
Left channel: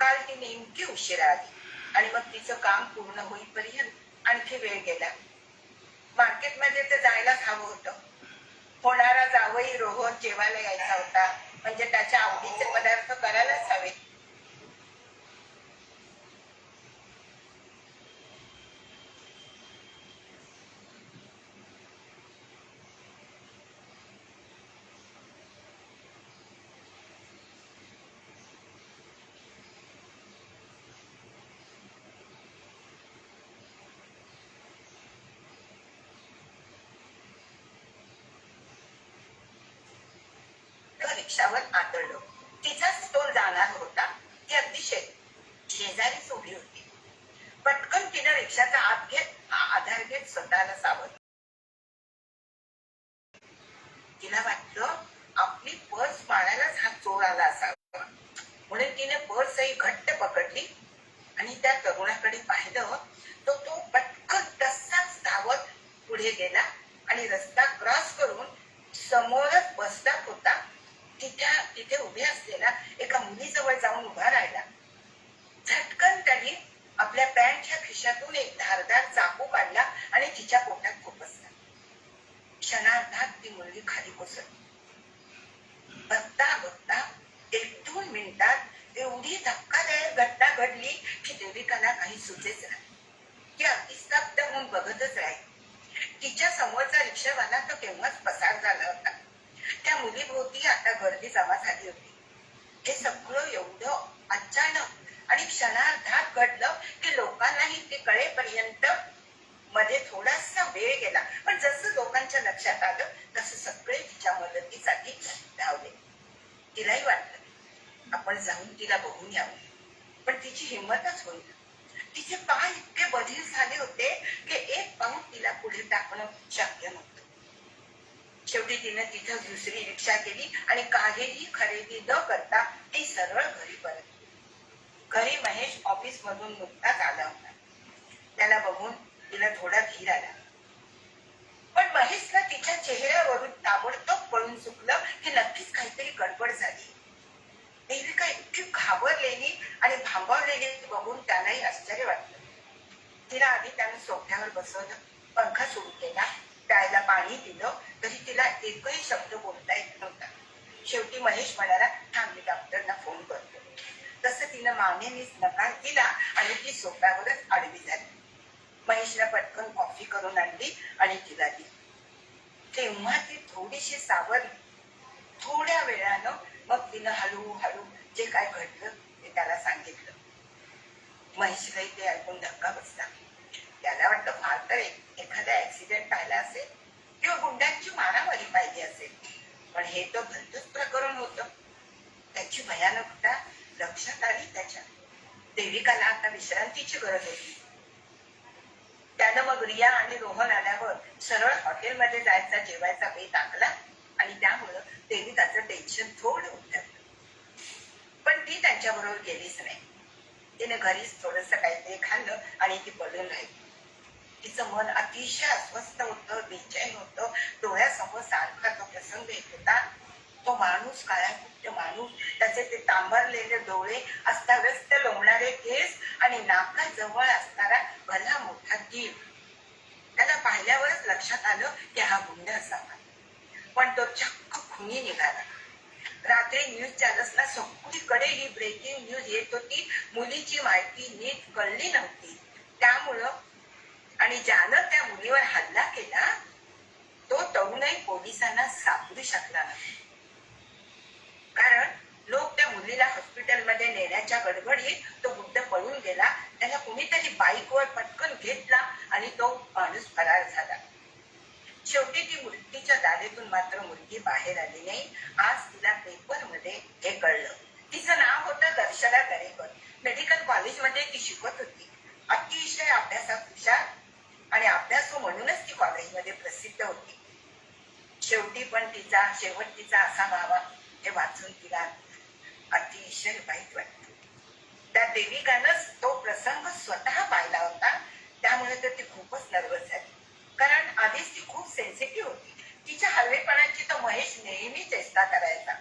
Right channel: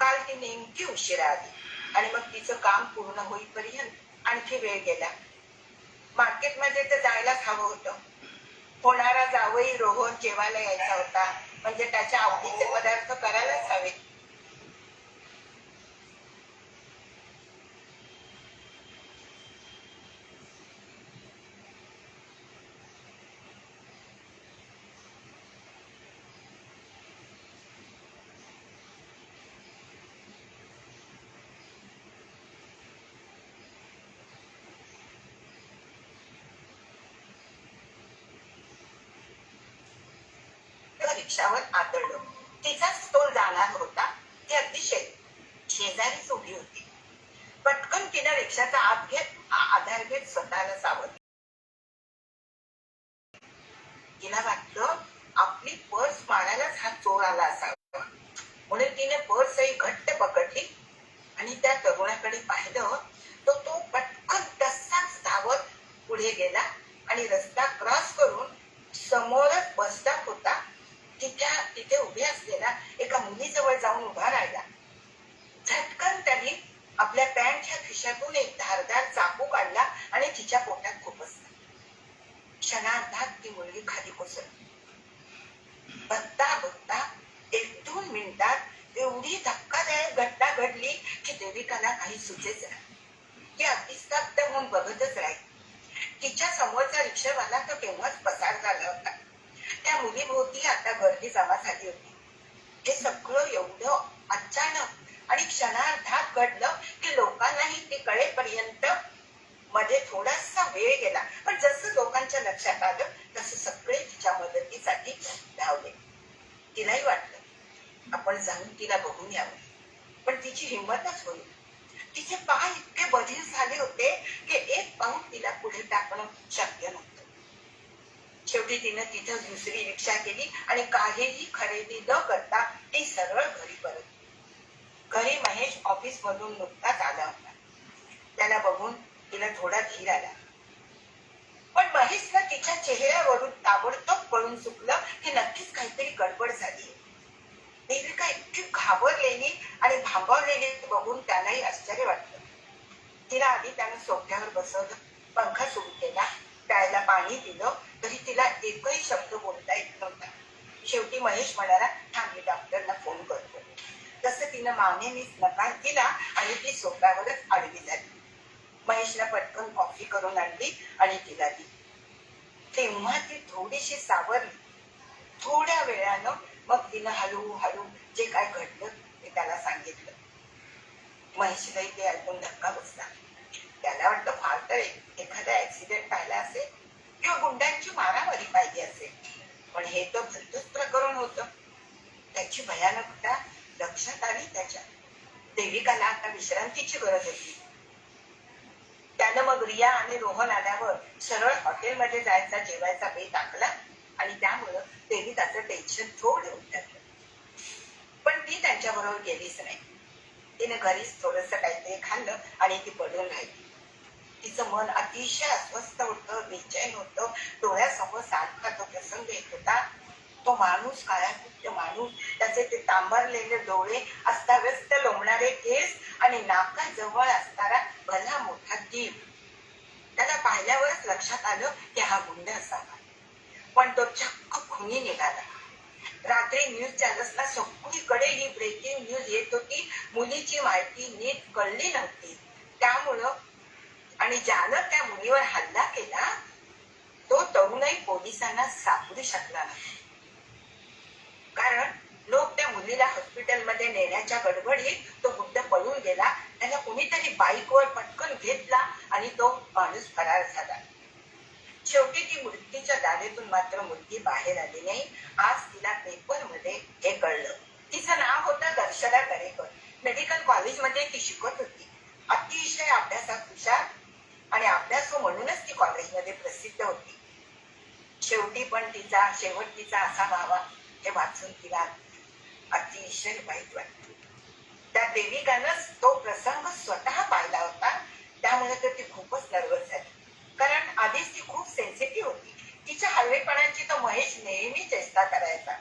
काल ती नेमकी उशिरा आली आणि मग तिचं काम पूर्ण होईपर्यंत आणखी वेळ गेला. मार्केटमध्ये तर जायलाच हवं होतं. होणारा जावई रोहन जेवायला यायचा होता, म्हणजे त्याच्या आवडीचे पदार्थ करायलाच हवे. रिक्षावर आदळलो. तिचाच तोल जाणार होता. ती अगदी शेजारीच उभी होती. पटकन तिनं रिक्षाचा आधार घेत स्वतःला सावरलं. तिला वाटलं आपली पर्स मारायलाच हा चोर आला असावा, म्हणून तिने पर्सही घट्ट पकडली आणि त्या तरुणाकडे पाहिलं. तो पटकन तसाच धावत पुढे गेला आणि रस्ता क्रॉस करून समोरच बस स्टॉप होता तिथे उभे असलेला एका मुलीजवळ जाऊन उभा राहिला. झटकन त्याने आपल्या पॅन्टच्या खिशातून एक धारदार चाकू काढला आणि तिच्या पोटात खुपसला. क्षणार्धात ती मुलगी खाली कोसळली. बघता बघता 1-2 मिनिटात एवढी धक्कादायक घटना घडली की देविकाला काही सुचेच नाही. ती अगदी स्तब्ध होऊन बघतच राहिली. तिच्या समोरचा रिक्षावाला तर केव्हाच पसार झाला होता. त्या मुलीभोवती आता गर्दी जमा झाली होती. हे सगळं एवढं अचानक आणि क्षणार्धात घडलं की लोकांनाही ते कळेपर्यंत मध्ये थोडासा वेळ गेला. पण जसं लोकांच्या लक्षात आलं तसं सगळे तिच्या मदतीसाठी धावले. तिलाही वाटलं आपण जाऊन तिला बघून यावं, पण तिची हिंमतच होईल. तिचे पाय इतके बधीर झाले होते की एक पाऊल तिला पुढे टाकणं शक्य नव्हतं. शेवटी तिने तिथं दुसरी रिक्षा केली आणि काहीही खरेदी न करता ती सरळ घरी परतली. घरी महेश ऑफिस मधून नुकताच आला होता. त्याला बघून तिला थोडा धीर आला, पण महेशला तिच्या चेहऱ्यावरून ताबडतोब कळून चुकलं की नक्कीच काहीतरी गडबड झाली. देविका इतकी घाबरलेली आणि भांबावलेली बघून त्यालाही आश्चर्य वाटलं. तिला आधी त्याने सोफ्यावर बसवलं, पंखा सुरू केला, प्यायला पाणी दिलं, तरी तिला एकही शब्द बोलता येत नव्हता. शेवटी महेश म्हणाला, थांब मी डॉक्टरला फोन करतो. तसं तिनं मागणीच नकार दिला आणि ती सोफ्यावरच आडवी झाली. महेशला पटकन कॉफी करून आणली आणि तिला दिली. तेव्हा ती थोडीशी सावरली. थोड्या वेळानं मग तिनं हळूहळू जे काय घडलं ते त्याला सांगितलं. महेशलाही ते ऐकून धक्का बसला. त्याला वाटलं फार तर एखादा ऍक्सिडेंट झाला असेल किंवा गुंडांची मारामारी पाहिजे असेल, पण हे तर भलतंच प्रकरण होतं. त्याची भयानकता लक्षात आली त्याच्या. देविकाला आता विश्रांतीची गरज होती. त्यानं मग रिया आणि रोहन आल्यावर सरळ हॉटेलमध्ये जायचा जेवायचा बेत आखला आणि त्यामुळं देविकाचं टेन्शन थोडं उतरलं. पण ती त्यांच्याबरोबर गेलीच नाही. तिने घरीच थोडंसं काहीतरी खाल्लं आणि ती पडून राहिली. तिचं मन अतिशय अस्वस्थ होतं, बेचैन होतं. डोळ्यासमोर सारखा तो प्रसंग येत होता. तो माणूस, काळ्याकुट्ट माणूस, त्याचे ते तांबरलेले डोळे, अस्ताव्यस्त लोंबणारे केस आणि नाकाजवळ असणारा भला मोठा जीव. त्याला पाहिल्यावरच लक्षात आलं की हा गुंड असावा, पण तो चक्क खुनी निघाला. रात्री न्यूज चॅनल्सला सगळीकडे ही ब्रेकिंग न्यूज येत होती. मुलीची माहिती नीट कळली नव्हती. त्यामुळं आणि ज्यानं त्या मुलीवर हल्ला केला तो तरुणही पोलिसांना सापडू शकला नाही. कारण लोक त्या मुलीला हॉस्पिटलमध्ये नेण्याच्या गडबडीत तो गुंड पळून गेला. त्याला कोणीतरी बाईकवर पटकन घेतला आणि तो माणूस फरार झाला. शेवटी ती मृत्यूच्या दाढेतून मात्र मुलगी बाहेर आली नाही. आज तिला पेपरमध्ये हे कळलं. तिचं नाव होतं दर्शना दरेकर. मेडिकल कॉलेजमध्ये ती शिकत होती. अतिशय अभ्यासात हुशार आणि अभ्यासू म्हणूनच ती कॉलेजमध्ये प्रसिद्ध होती. शेवटी पण तिचा शेवट असा व्हावा हे वाचून तिला अतिशय वाईट वाटलं. त्या देविकानं तो प्रसंग स्वतः पाहिला होता, त्यामुळे तर ती खूपच नर्वस झाली. कारण आधीच ती खूप सेन्सिटिव्ह होती. तिच्या हलवेपणाची तर महेश नेहमी चेष्टा करायचा.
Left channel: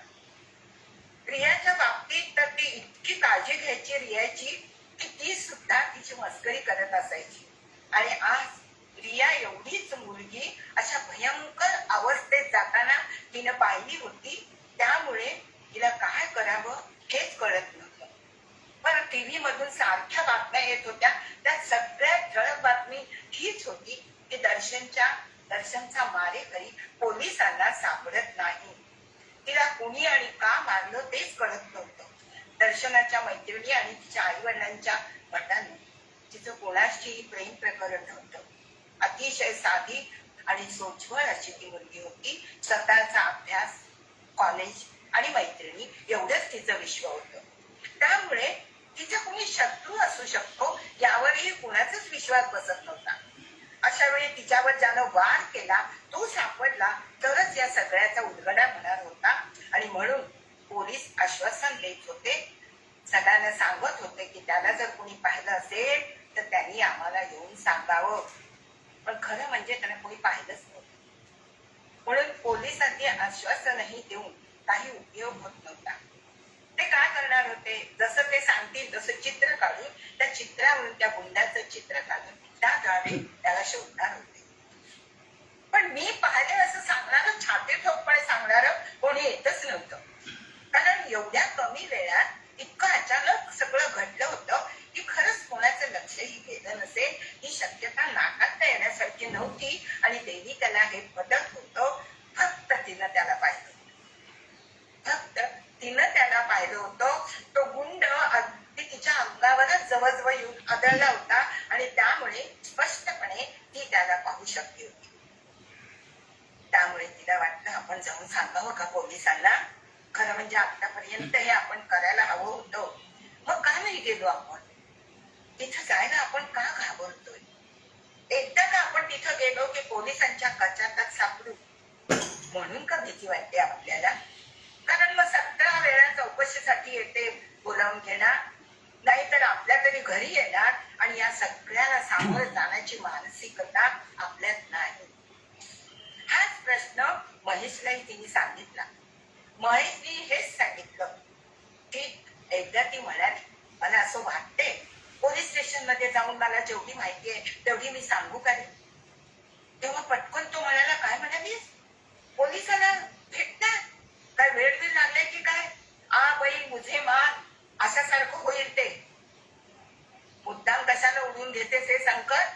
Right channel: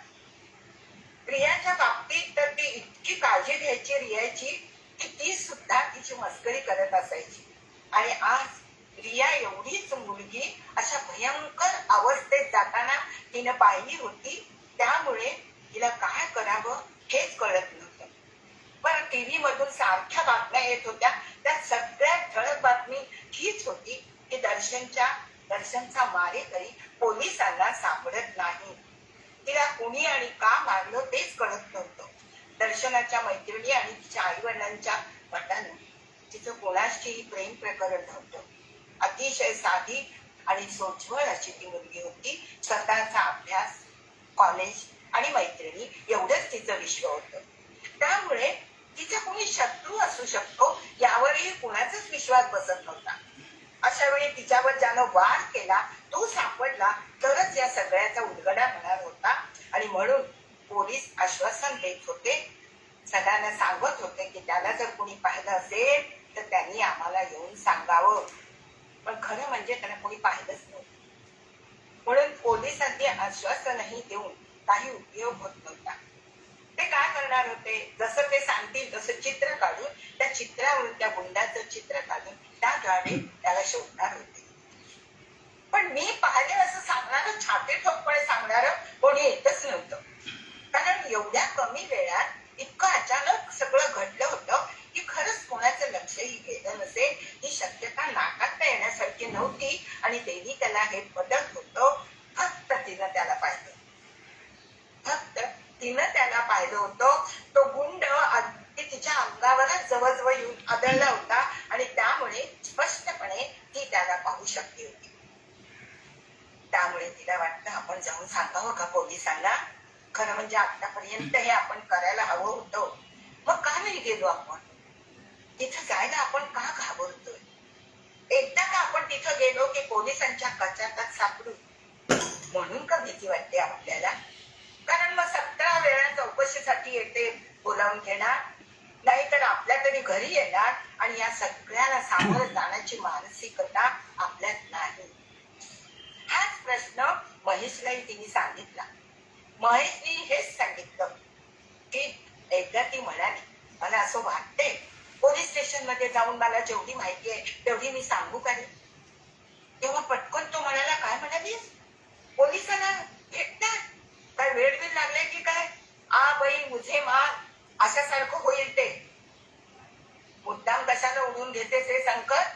रियाच्या बाबतीत तर ती इतकी काळजी घ्यायची रियाची की ती सुद्धा तिची मस्करी करत असायची. आणि आज रिया एवढीच मुलगी अशा भयंकर अवस्थेत जाताना तिनं पाहिली होती, त्यामुळे तिला काय करावं हेच कळत नव्हतं. पण टीव्ही मधून सारख्या बातम्या येत होत्या, त्या सगळ्यात ठळक बातमी हीच होती की दर्शनचा मारेकरी पोलिसांना सापडत नाही. तिला कुणी आणि का मारलं तेच कळत नव्हतं. दर्शनाच्या मैत्रिणी आणि तिच्या आई वडिलांच्या मताने तिचं कोणाशीही प्रेम प्रकरण नव्हतं. अतिशय साधी आणि सोज्वळ अशी ती मुलगी होती. स्वतःचा अभ्यास, कॉलेज आणि मैत्रिणी एवढंच तिचं विश्व होतं. त्यामुळे तिचा कोणी शत्रू असू शकतो यावरही कुणाचाच विश्वास बसत नव्हता. अशा वेळी तिच्यावर ज्यानं वार केला तो सापडला तरच या सगळ्याचा उलगडा होणार होता. आणि म्हणून पोलीस आश्वासन देत होते, सगळ्यांना सांगत होते की त्याला जर कोणी पाहिलं असेल तर त्यांनी आम्हाला येऊन सांगावं. पण खरं म्हणजे त्यांना कोणी पाहिलंच नव्हतं. म्हणून पोलिसांनी आश्वासनही देऊन काही उपयोग होत नव्हता. ते काय करणार होते, जसं ते सांगतील तसं चित्र काढून त्या चित्रावरून त्या गुंडाचं चित्र काढून त्याद्वारे त्याला शोधणार होते. पण मी पाहिले असं सांगणारं, छाती ठोकपणे सांगणारं कोणी येतच नव्हतं. कारण एवढ्या कमी वेळात इतकं अचानक सगळं घडलं होतं की खरंच कोणाचं लक्षही गेलं नसेल ही शक्यता नाकारता येण्यासारखी नव्हती. आणि देविकाला हे पटत होतं. फक्त तिनं त्याला पाहिलं होतं. तो गुंड अगदी तिच्या अंगावरच जवळजवळ येऊन आदळला होता आणि त्यामुळे स्पष्टपणे ती त्याला पाहू शकली होती. त्यामुळे तिला वाटतं आपण जाऊन सांगावं का पोलिसांना. खरं म्हणजे आतापर्यंत हे आपण करायला हवं होतं. मग का नाही गेलो आपण तिथं जायला, आपण का घाबरतोय. एकदा का आपण तिथं गेलो की पोलिसांच्या कचाट्यात सापडू म्हणून का भीती वाटते आपल्याला. कारण मग 17 वेळा चौकशीसाठी येते बोलावून घेणार, नाहीतर आपल्या तरी घरी येणार आणि या सगळ्याला सामोरं जाण्याची मानसिकता आपल्यात नाही. हाच प्रश्न महेशलाही तिने सांगितला. महेशनी हेच सांगितलं की एकदा ती म्हणाली, मला असं वाटते पोलीस स्टेशन मध्ये जाऊन मला जेवढी माहिती आहे तेवढी मी सांगू का रे. तेव्हा पटकन तो म्हणाला, काय म्हणालीस, पोलिसांना भेटणार काय, वेळ बिल लागले की काय, आ बाई मुझे मार अशासारखं होईल. ते मुद्दाम कशाला उडून घेतेस हे संकट.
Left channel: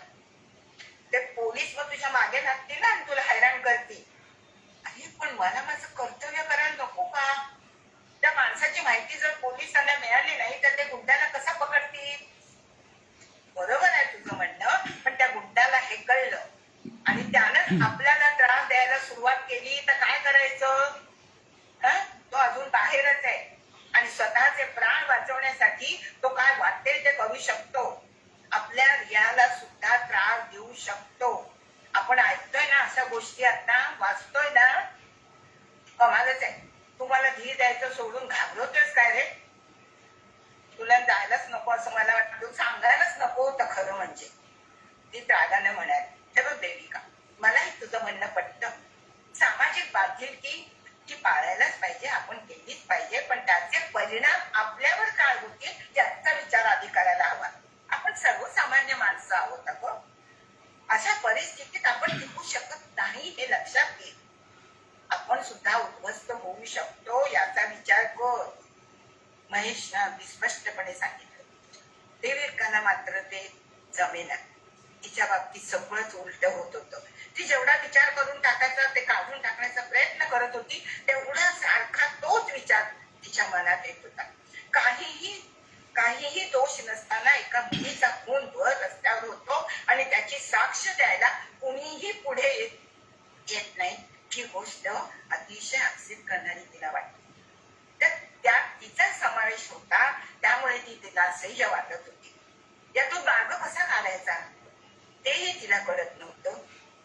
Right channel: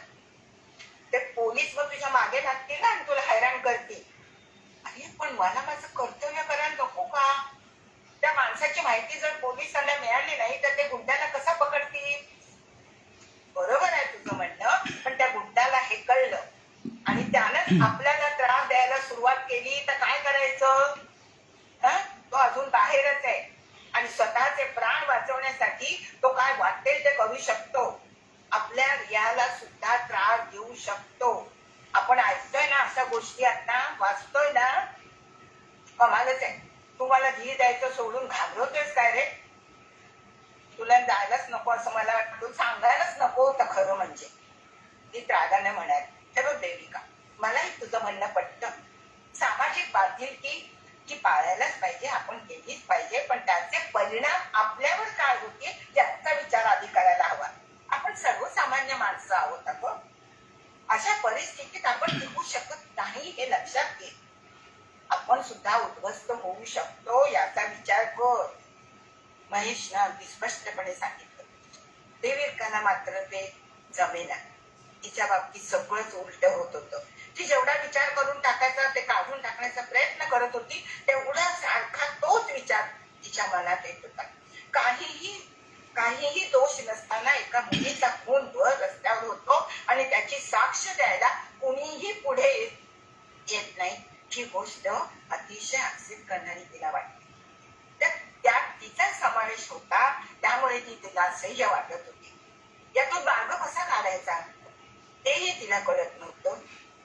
ते पोलीस मग तुझ्या मागे लागतील ना आणि तुला हैराण करतील. अरे पण मला माझं कर्तव्य करायला नको का. त्या माणसाची माहिती जर पोलिसांना मिळाली नाही तर ते गुंडाला कसा पकडतील. बरोबर आहे तुझं म्हणणं, पण त्या गुंडाला हे कळलं आणि त्यानं आपल्याला त्रास द्यायला सुरुवात केली तर काय करायचं. तो अजून बाहेरच आहे आणि स्वतःचे प्राण वाचवण्यासाठी तो काय वाटेल ते करू शकतो. आपल्या रियाला सुद्धा त्रास देऊ शकतो. आपण ऐकतोय ना अशा गोष्टी, आता वाचतोय ना. कमालच आहे. तुम्हाला धीर द्यायचं सोडून घाबरतोयस काय रे. तुला जायलाच नको असं मला वाटतं, सांगायलाच नको होतं खरं म्हणजे. ती त्रागाने म्हणाली, हे बघ देविका, मलाही तुझं म्हणणं पटतं. सामाजिक बांधिलकी ती पाळायलाच पाहिजे, आपण केलीच पाहिजे. पण त्याचे परिणाम आपल्यावर काय होतील याचा विचार आधी करायला हवा. आपण सर्वसामान्य माणसं आहोत अगं. अशा परिस्थितीत आपण टिकू शकत नाही हे लक्षात घे. आपण सुद्धा उद्ध्वस्त होऊ शकतो याचा विचार कर. महेशनं अगदी स्पष्टपणे सांगितलं. देविकाला मात्र ते जमेना. तिच्या बाबतीत सगळंच उलट होत होतं. ती जेवढा विचार करून टाकायचा ते काढून टाकण्याचा प्रयत्न करत होती, तेवढा सारखा तोच विचार तिच्या मनात येत होता. काहीही दोष नसताना एका मुलीचा खून भर रस्त्यावर होतो आणि त्याची साक्ष द्यायला कुणीही पुढे येत नाही ही गोष्ट अतिशय आक्षेप करणारी तिला वाटते. तर त्यात तिचा समावेश होता त्यामुळे ती तिला असह्य वाटत होती. यातून मार्ग कसा काढायचा तेही तिला कळत नव्हतं.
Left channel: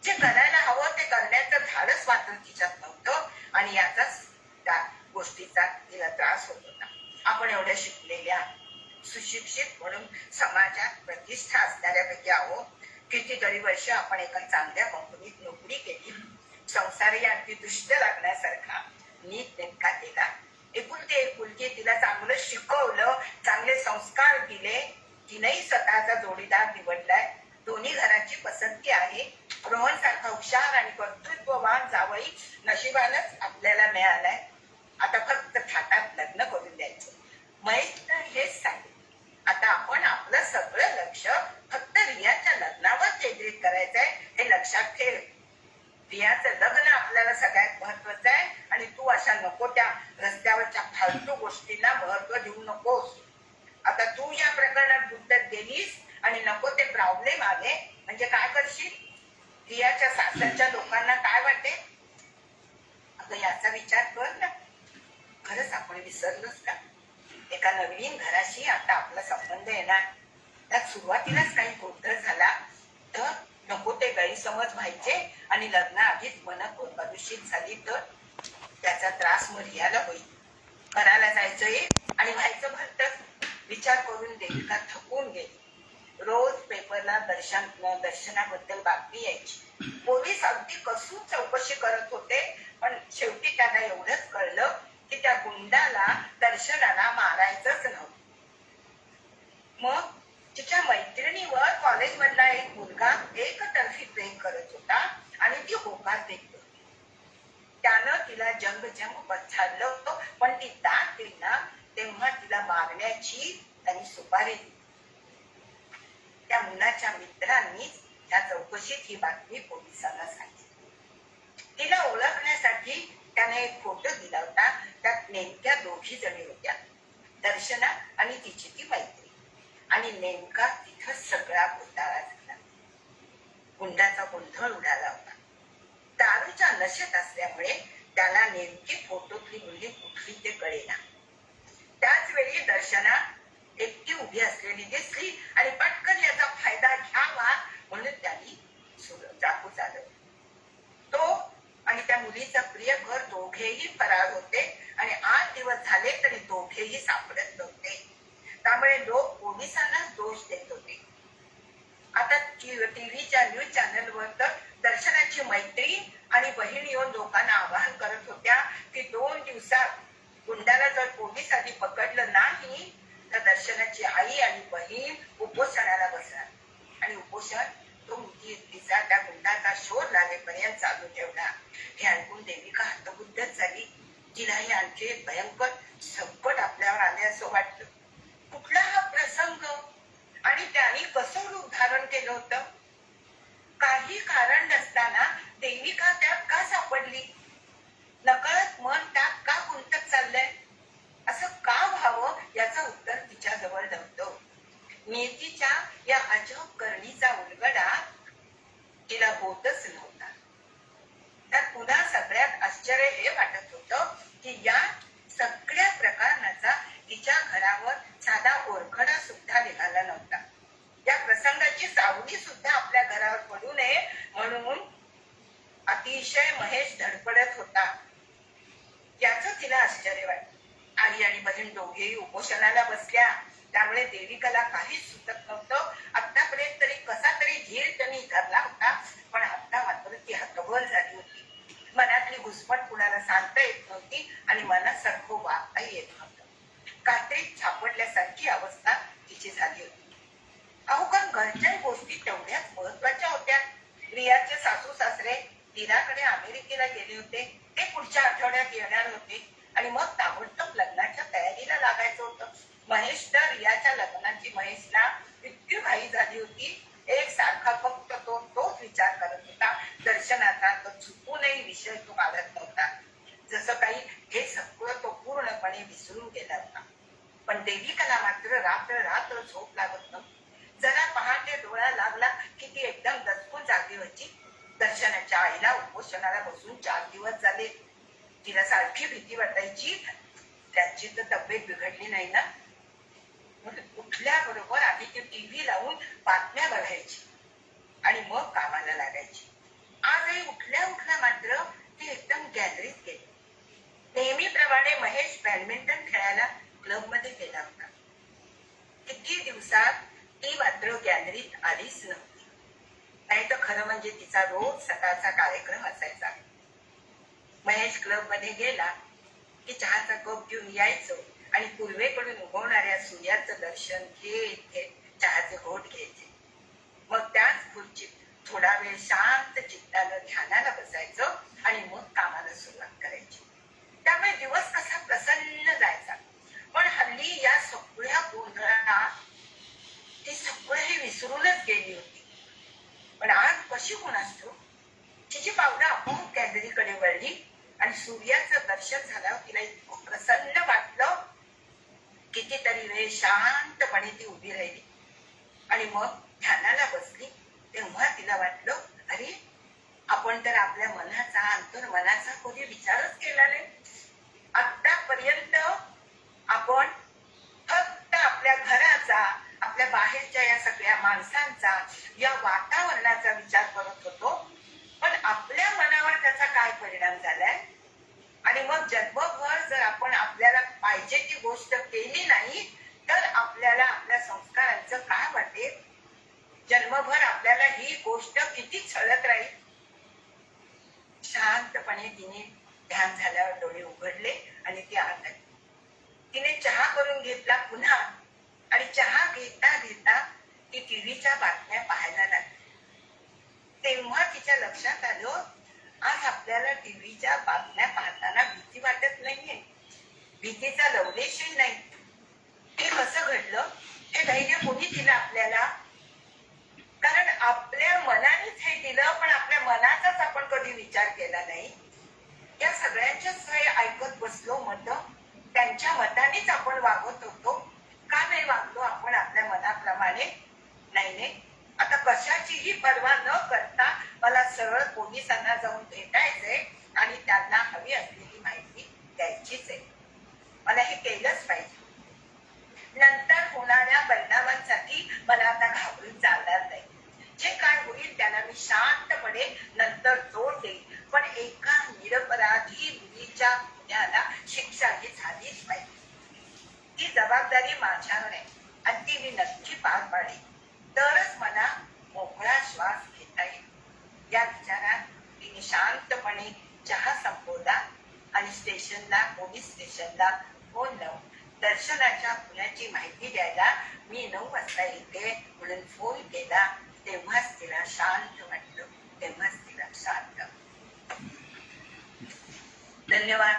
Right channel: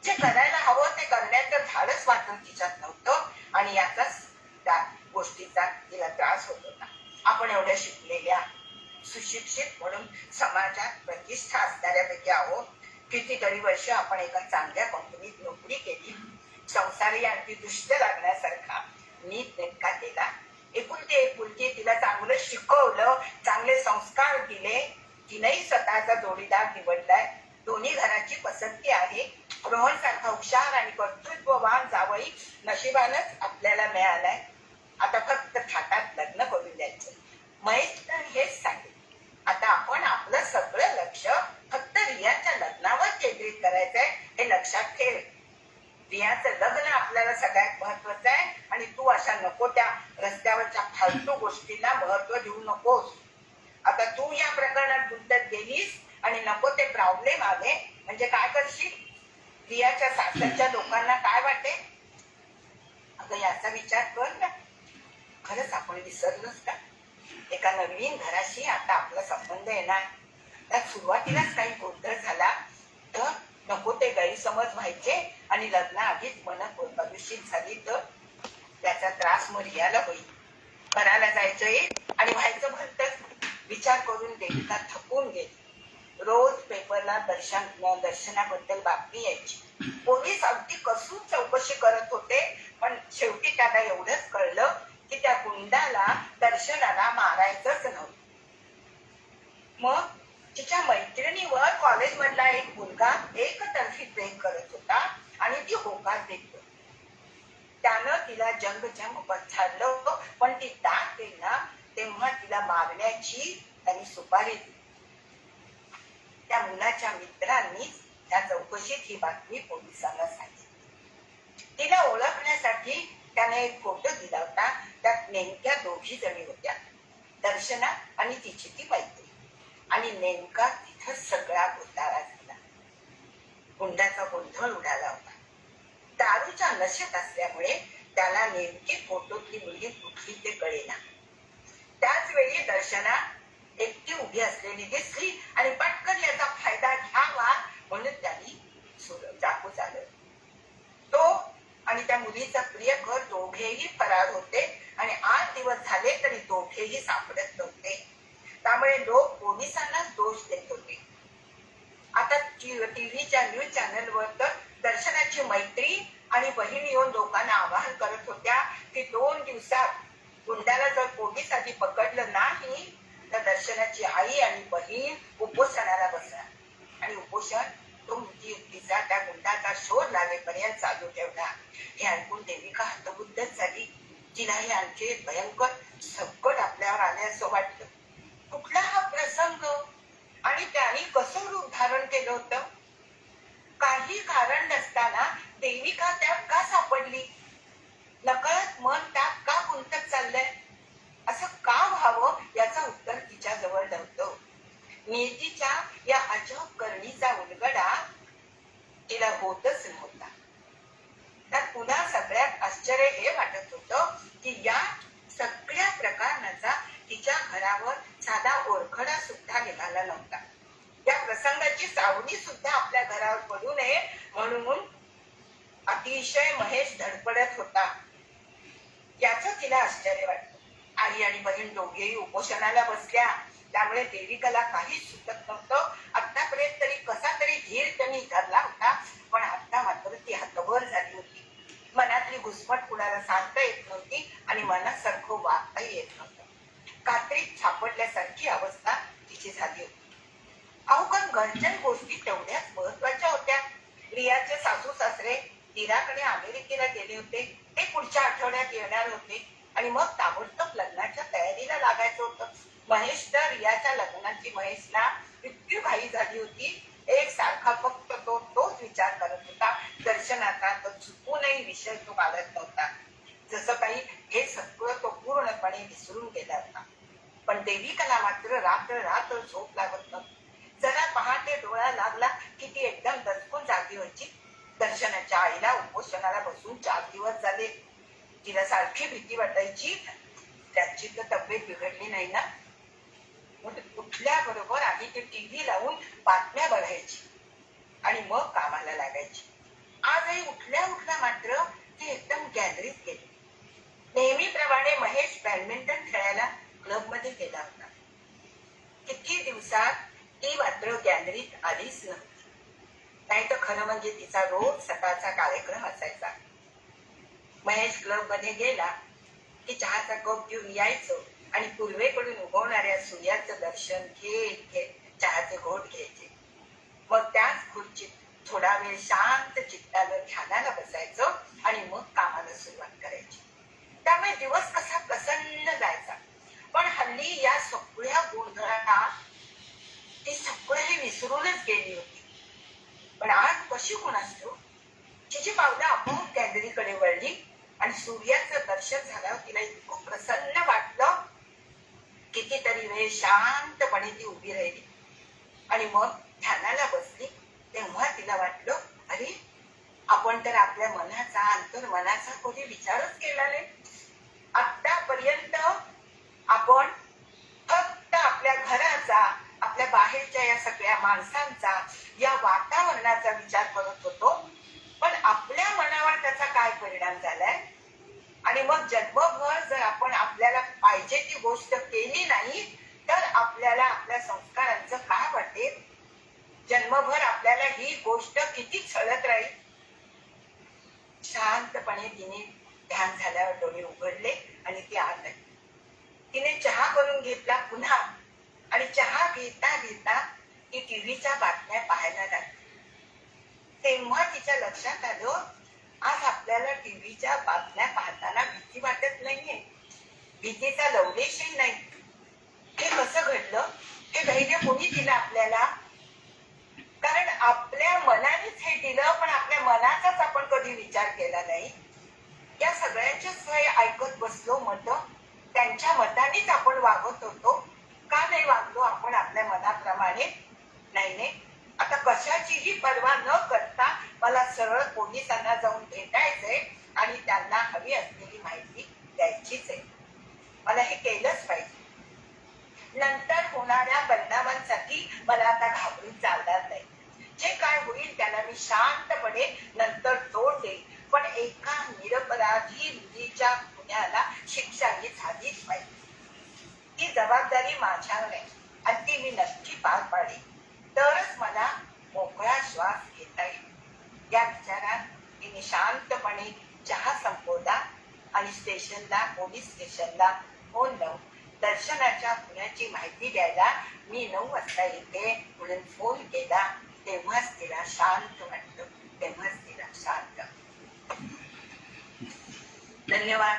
जे करायला हवं ते करण्याचं धाडस मात्र तिच्यात नव्हतं आणि याचाच त्या गोष्टीचा तिला त्रास होत होता. आपण एवढ्या शिकलेल्या सुशिक्षित म्हणून समाजात प्रतिष्ठा असणाऱ्यापैकी आहोत. कितीतरी वर्ष आपण एका चांगल्या कंपनीत नोकरी केली. संसारही आणखी दुष्ट लागण्यासारखा नीट नेटका केला. एकुलती एक मुलगी, तिला चांगलं शिकवलं, चांगले संस्कार दिले. तिनेही स्वतःचा जोडीदार निवडलाय. दोन्ही घराची पसंती आहे. रोहन सारखा हुशार आणि कर्तृत्ववान जावई नशिबानच आपल्याला मिळालाय. आता फक्त थाटात लग्न करून द्यायचं. महेश हेच सांगेल. आता आपण आपलं सगळं लक्ष फक्त रियाच्या लग्नावर केंद्रित करायचंय हे लक्षात ठेव. रियाचं लग्न आपल्याला सगळ्यात महत्वाचं आहे आणि तू अशा नको त्या रस्त्यावरच्या फालतू गोष्टींना महत्व देऊ नकोस. आता तू या प्रकरणात गुंतत गेलीस आणि नको ते प्रॉब्लेम आले म्हणजे काय करशील? रियाच्या सासरच्या लोकांना काय वाटेल? अगं याचा विचार कर ना. खरंच आपण विसरलोच का? एका नवीन घराशी आता आपला संबंध येणार. त्यात सुरुवातीलाच काही गोंधळ झाला तर नको ते गैरसमज व्हायचे आणि लग्न आधीच मन प्रदूषित झाली तर त्याचा त्रास मग रियाला होईल. घराला जायचंय आणि व्हायचं भलतंच. विचार करून देविका थकून गेली. रोज पेपरला दर्शनाबद्दल बातमी यायची. पोलीस अगदी कसून चौकशी करत होते पण शेवटी त्याला एवढंच कळलं की त्या गुंडाला दर्शनाला मारायचंच नव्हतं. मग तिच्या मैत्रिणीवर कॉलेजमधला एक मुलगा एकतर्फी प्रेम करत होता आणि ती होकार देत होती. त्यानं तिला जंग पछाडलं पण ती दाट देईना तेव्हा तिला मारण्याची त्यांनी सुपारी दिली. त्या मुलाच्या मित्रांनी त्या चौकशीत ही बातमी पोलिसांना सांगितली. तिला ओळखण्यासाठी त्याने एक फोटो दिला होता. त्यात नेमक्या दोघी जणी होत्या, दर्शना आणि तिची ती मैत्री. आणि नेमका तिथं सगळा घोटाळा झाला. गुंडाचा गोंधळ उडाला होता. दारूच्या नशेत असल्यामुळे त्याला नेमकी फोटोतली मुलगी कुठली ते कळेना. त्याच वेळी दर्शना एकटी उभी असलेली दिसली आणि पटकन याचा फायदा घ्यावा म्हणून त्यांनी चाकू चालवलं. तो आणि त्या मुलीचा प्रियकर दोघेही फरार होते आणि 8 दिवस झाले तरी दोघेही सापडत नव्हते. त्यामुळे लोक पोलिसांनाच दोष देत होते. आता टीव्हीच्या न्यूज चॅनलवर तर दर्शनाची मैत्रीण आणि बहीण येऊन लोकांना आवाहन करत होत्या की 2 दिवसात गुंडाला जर पोलीस आधी पकडलं नाही तर दर्शनाची आई आणि बहीण उपोषणाला बसणार. आणि उपोषण तो तिचा त्या गुंडाचा शोध लागेपर्यंत चालू ठेवला. हे ऐकून देविका हतबुद्धच झाली. तिला हे आणखी एक भयंकर संकट आपल्यावर आले असं वाटलं. कुठला हा प्रसंग आणि त्याने कसं रूप धारण केलं होतं? काही कारण नसताना देविका त्यात का सापडली? नकळत मन त्यात का गुंतत चाललंय? असं का व्हावं याचं उत्तर तिच्या जवळ नव्हतं. नियतीच्या या अजब करणीचा उलगडा तिला होतच नव्हता. त्यात पुन्हा सगळ्यात आश्चर्य हे वाटत होतं की या सगळ्या प्रकरणाचा तिच्या घरावर साधा ओळखडा सुद्धा निघाला नव्हता. या प्रसंगाची सावली सुद्धा आपल्या घरावर पडू नये म्हणून अतिशय महेश धडपडत होता. याच तिला आश्चर्य वाटलं. आई आणि बहीण दोघेही उपोषणाला बसल्या. त्यामुळे देविकाला काहीच सुचत नव्हतं. आतापर्यंत तरी कसा तरी धीर त्यांनी धरला होता पण आता मात्र ती हतबल झाली होती. मनातली घुसमट कुणाला सांगता येत नव्हती आणि मनासारखं वागताही येत नव्हतं. कात्रीत सापडल्यासारखी अवस्था तिची झाली होती. अहो पण घरच्या गोष्टी तेवढ्याच महत्वाच्या होत्या. रियाचे सासू सासरे दिराकडे अमेरिकेला गेले होते. ते पुढच्या आठवड्यात येणार होते आणि मग ताबडतोब लग्नाच्या तयारीला लागायचं होतं. महेश तर रियाच्या लग्नाची महेशला इतकी घाई झाली होती. एक सारखा फक्त तोच विचार करत होता. दर्शनाचा तो चुकूनही विषय तो काढत नव्हता. जसं काही हे सगळं तो पूर्णपणे विसरून गेला होता. पण देविकाला मात्र रात्र झोप लागत नव्हती. जरा पहाटे डोळा लागला की ती एकदम दचकून जागी व्हायची. दर्शनाच्या आईला उपोषणाला बसून 4 दिवस झाले. तिला सारखी भीती वाटायची त्याची तर तब्येत बिघडली नाही ना. उठल्याबरोबर आधी ती टीव्ही लावून बातम्या बघायची आणि मग कामाला लागायची. आजही उठल्या उठल्या मात्र ती एकदम गॅलरीत गेली. नेहमीप्रमाणे महेश बॅडमिंटन खेळायला क्लब मध्ये गेला होता. किती दिवसात ती मात्र गॅलरीत आलीच नव्हती. नाही तर खरं म्हणजे तिचा रोज सकाळचा कार्यक्रम असायचा. महेश क्लब मध्ये गेला की चहाचा कप घेऊन यायचो आणि पूर्वेकडून उगवणाऱ्या सूर्याचं दर्शन घेत घेत चहाचे घोट घ्यायचे. मग त्याच खुर्चीत थोडा वेळ शांत चित्तानं ध्यानाला बसायचं आणि मग कामाला सुरुवात करायची. त्यामुळे दिवस कसा प्रसन्न जायचा. पण हल्ली या सगळ्या गोंधळाला ती सगळं विसरूनच गेली होती. पण आज कशी कोणास ठाऊक तिची पावलं आपोआप गॅलरीकडे वळली आणि सूर्याचं दर्शन झाल्यावर तिला इतकं प्रसन्न वाटलं. कितीतरी वेळ शांतपणे ती उभी राहिली आणि मग ध्यानाला बसली. तेव्हा तिला वाटलं, अरे आपण तर आपल्या मनाचा अंतर्मनाचा कधी विचारच केला नाही. आतापर्यंत आपण फक्त आपल्या घराचा, आपल्या बाहेरच्या या सगळ्या माणसांचा, या वातावरणाचा विचार करत होतो. पण आपल्या मनावर त्याचा काय परिणाम झालाय आणि मग जन्मभर जर आपण आपल्याला पाहिजे ती गोष्ट केली नाही तर आपल्याला आपल्या संस्कारांचं काय वाटेल. जन्मभर आपल्याला ही गोष्ट किती छळत राहील. शांतपणे तिने ध्यान झाल्यावर डोळे उघडले आणि ती आत आली. तिने चहा करून घेतला पुन्हा आणि चहा घेता घेता ती टीव्हीच्या बातम्या पाहायला लागली. तेव्हा तिच्या लक्षात आलं, आज आपल्याला टीव्हीच्या बातम्या पाहताना भीती वाटत नाहीये. भीतीचा लवलेशही नाही. हे कसं घडलं? हे धैर्य कोणी दिलं आपल्याला? कारण आपल्या मनानेच हे दिलं, पण आपल्या मनाचाच आपण कधी विचार केला नाही. या सगळ्यांच्याच ऐकत बसलो मत. त्यांच्या मतानेच आपण वागत होतो. का नाही वागलो आपण आपल्या मनाप्रमाणे? नाही. आता कशाचीही पर्वा न करता मला सरळ पोलिसांना जाऊन भेटायचंय आणि त्यांना हवी असलेली माहिती द्यायचीच आहे. मला हे केलंच पाहिजे. नंतर होणाऱ्या परिणामांसाठी मला आता घाबरून चालणार नाही. जे काय होईल त्याला मी शांतपणे नंतर तोड देईल. पण एका निरपराधी मुलीच्या गुन्ह्याला शिक्षा ही झालीच पाहिजे. ती जबाबदारी माझ्यावर आहे आणि ती मी नक्की पार पाडेल. तरच मला मोकळा श्वास घेता येईल. या विचारात तिने शांतपणे चहा संपवला आणि पोलीस स्टेशनला फोन लावून दर्शनाच्या गुन्ह्याची माहिती द्यायला मी 9 वाजता येते म्हणून फोन केला. तेव्हाच तिला शांत वाटलं. धन्यवाद.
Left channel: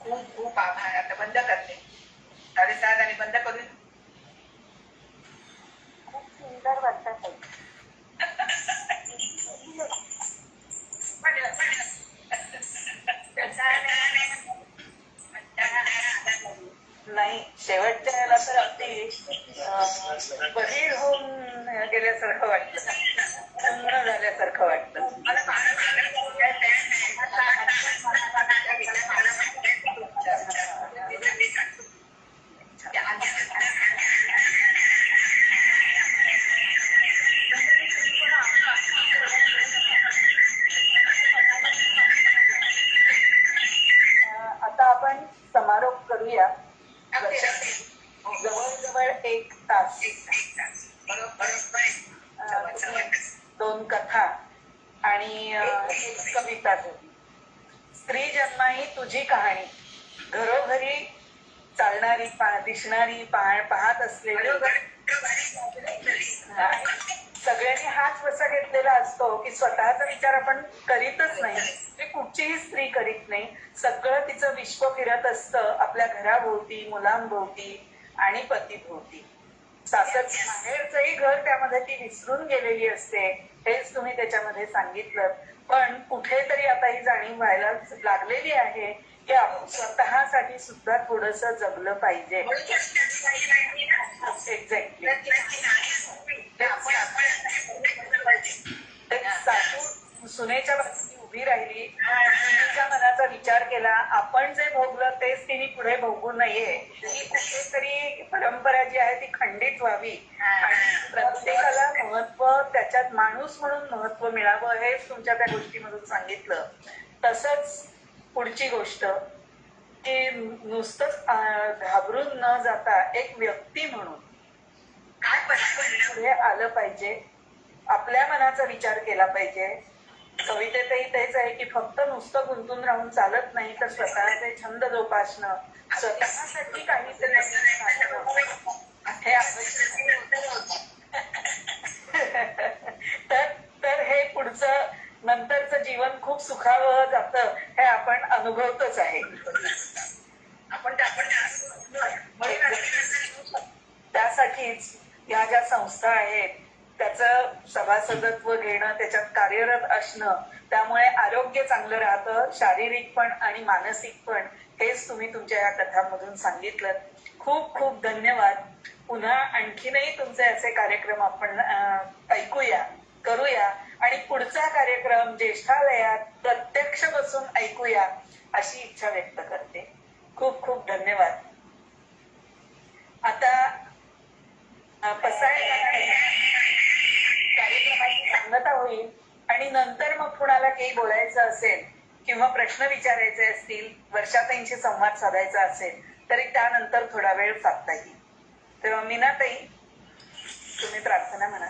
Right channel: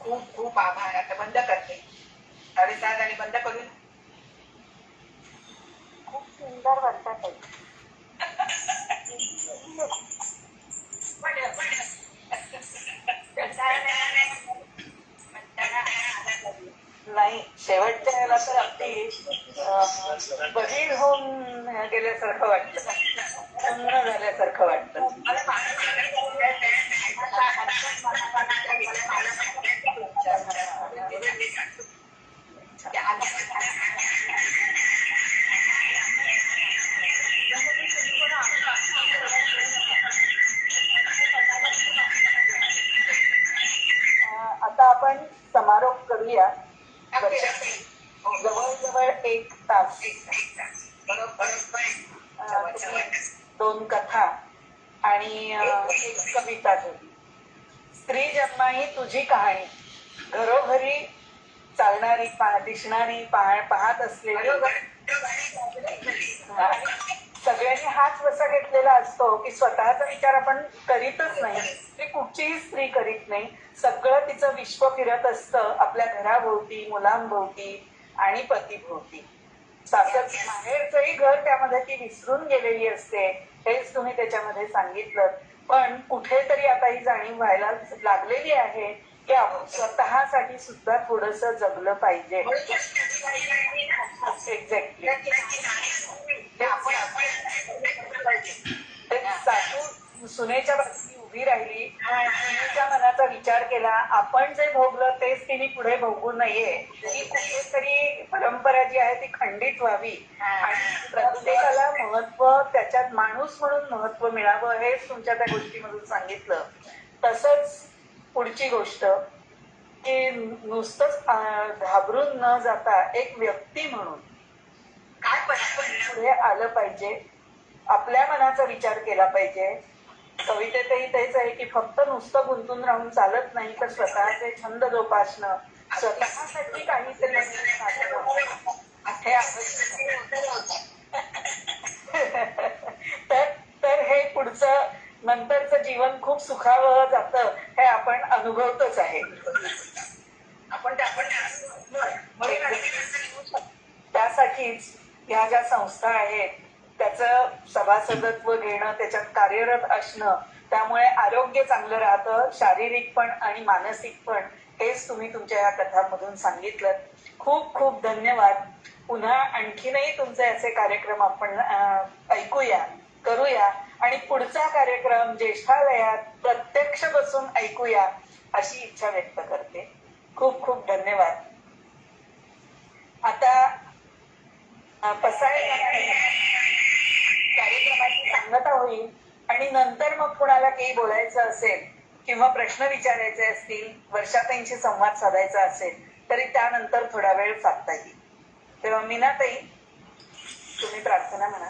खूप खूप आभार. आता बंद करते. साडेसात बंद करून. खूप सुंदर वाटत आहे. नाही, शेवटच्या याला तर अगदी बहीण होऊन गेल्यासारखं वाटतं. पूर्ण झाल्यासारखं वाटतं. आता आपण समारोप करूया. जवळजवळ 1 तास 2 कथा आणि 1 कविता झाली. स्त्री जन्मा ही तुझी कहाणी. घरोघरी चालणारी दिसणारी पाहत असलेली सगळ्यांनी हाच वसा घेतलेला असतो की स्वतःचा विचार आपण करीतच नाही. ते कुठचीही स्त्री करीत नाही. सगळं तिचं विश्व फिरत असतं आपल्या घराभोवती, मुलांभोवती आणि पतीभोवती. माहेरचंही घर त्यामध्ये ती विसरून गेलेली असते. हेच तुम्ही त्याच्यामध्ये सांगितलं. पण कुठेतरी आता ही जाणीव व्हायला लागलेली आहे की आपण स्वतःसाठी सुद्धा थोडस जगलं पाहिजे. एक्झॅक्टली. सासू सुनेच्या बाजूने उभी राहिली. सुनेच्या मनाचा विचार केला. आपण जे भोगलं तेच तिने पुढे भोगू नये ही कुठेतरी काहीतरी परंपरा जी आहे ती खंडित व्हावी आणि प्रत्येकाला महत्व, त्याच्यात माणूस म्हणून महत्व मिळावं, हेच तुमच्या त्या गोष्टीमधून सांगितलं. तसंच पुढची गोष्ट की नुसतंच घाबरून न जाता एक व्यक्ती म्हणून काय पुढे आलं पाहिजे, आपल्या मनाचा विचार केला पाहिजे. कवितेतही तेच आहे की फक्त नुसतं गुंतून राहून चालत नाही, तर स्वतःचे छंद जोपासणं, स्वतःसाठी काहीतरी हे तर हे पुढचं नंतरचं जीवन खूप सुखावं जातं, हे आपण अनुभवतच आहे. आपण त्यासाठीच ह्या ज्या संस्था आहेत त्याचं सभासदत्व घेणं, त्याच्यात कार्यरत असणं, त्यामुळे आरोग्य चांगलं राहतं, शारीरिक पण आणि मानसिक पण. हेच तुम्ही तुमच्या या कथांमधून सांगितलं. खूप खूप धन्यवाद. पुन्हा आणखीनही तुमचे असे कार्यक्रम आपण ऐकूया, करूया आणि पुढचा कार्यक्रम ज्येष्ठालयात प्रत्यक्ष बसून ऐकूया अशी इच्छा व्यक्त करते. खूप खूप धन्यवाद. आता कार्यक्रमाची सांगता होईल आणि नंतर मग कुणाला काही बोलायचं असेल किंवा प्रश्न विचारायचे असतील, वर्षाताईंशी संवाद साधायचा असेल तरी त्यानंतर थोडा वेळ साधता येईल. तेव्हा मीनाताई, तुम्ही प्रार्थना म्हणा.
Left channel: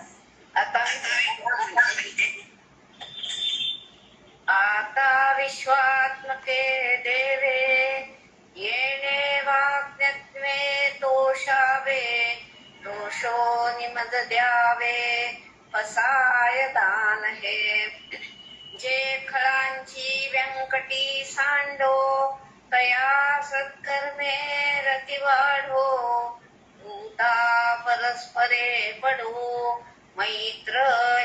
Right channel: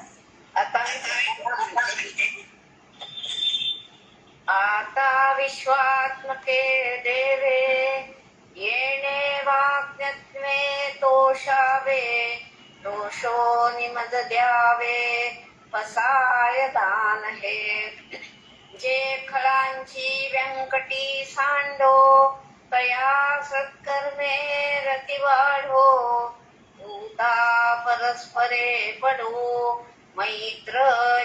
आता विश्वात्मके देवे येणे वाग्यत्वे तोषावे, दोषो निमद द्यावे पसाय दान हे. जे खळांची व्यंकटी सांडो तया सत्कर्मे रती वाढो. भूता परस्परे पडो मैत्र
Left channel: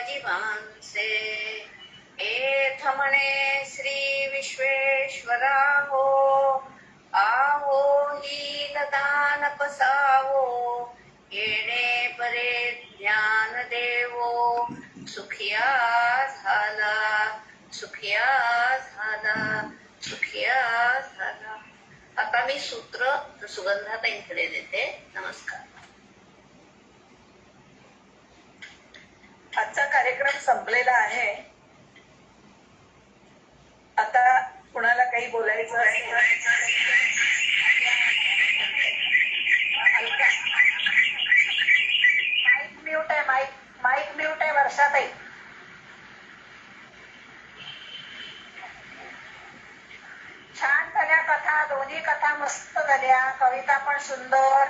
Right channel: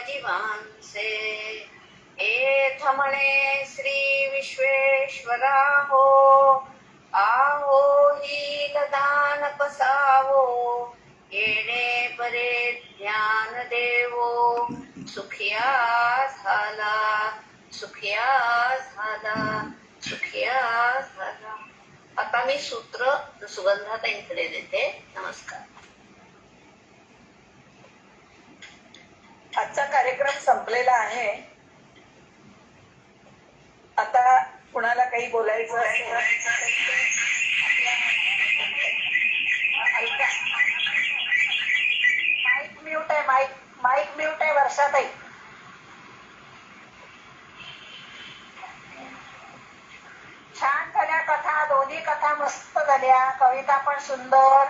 जीवांसे. एथ म्हणे श्री विश्वेश्वरा हो, आहो हील दान पसावो. येणे परे ज्ञान देवो, सुखिया झाला, सुखिया झाला, सुखिया झाला. आता मी सूत्र सुगंधाताईंकडे देते. नमस्कार. आजचा कार्यक्रम संपलेला आहे. आता कुणाला काही बोलायचं असेल माईक म्यूट आहे, माईक म्यूट आहे वर्षाताई. छान झाल्या कथा, दोन्ही कथा मस्त झाल्या, कविता पण सुंदर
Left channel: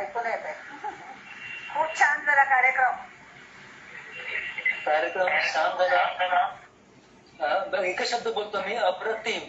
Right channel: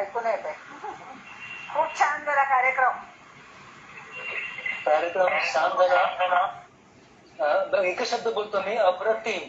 ऐकून येते. खूप छान झाला कार्यक्रम. छान झाला. एकच शब्द बोलतो मी, अप्रतिम.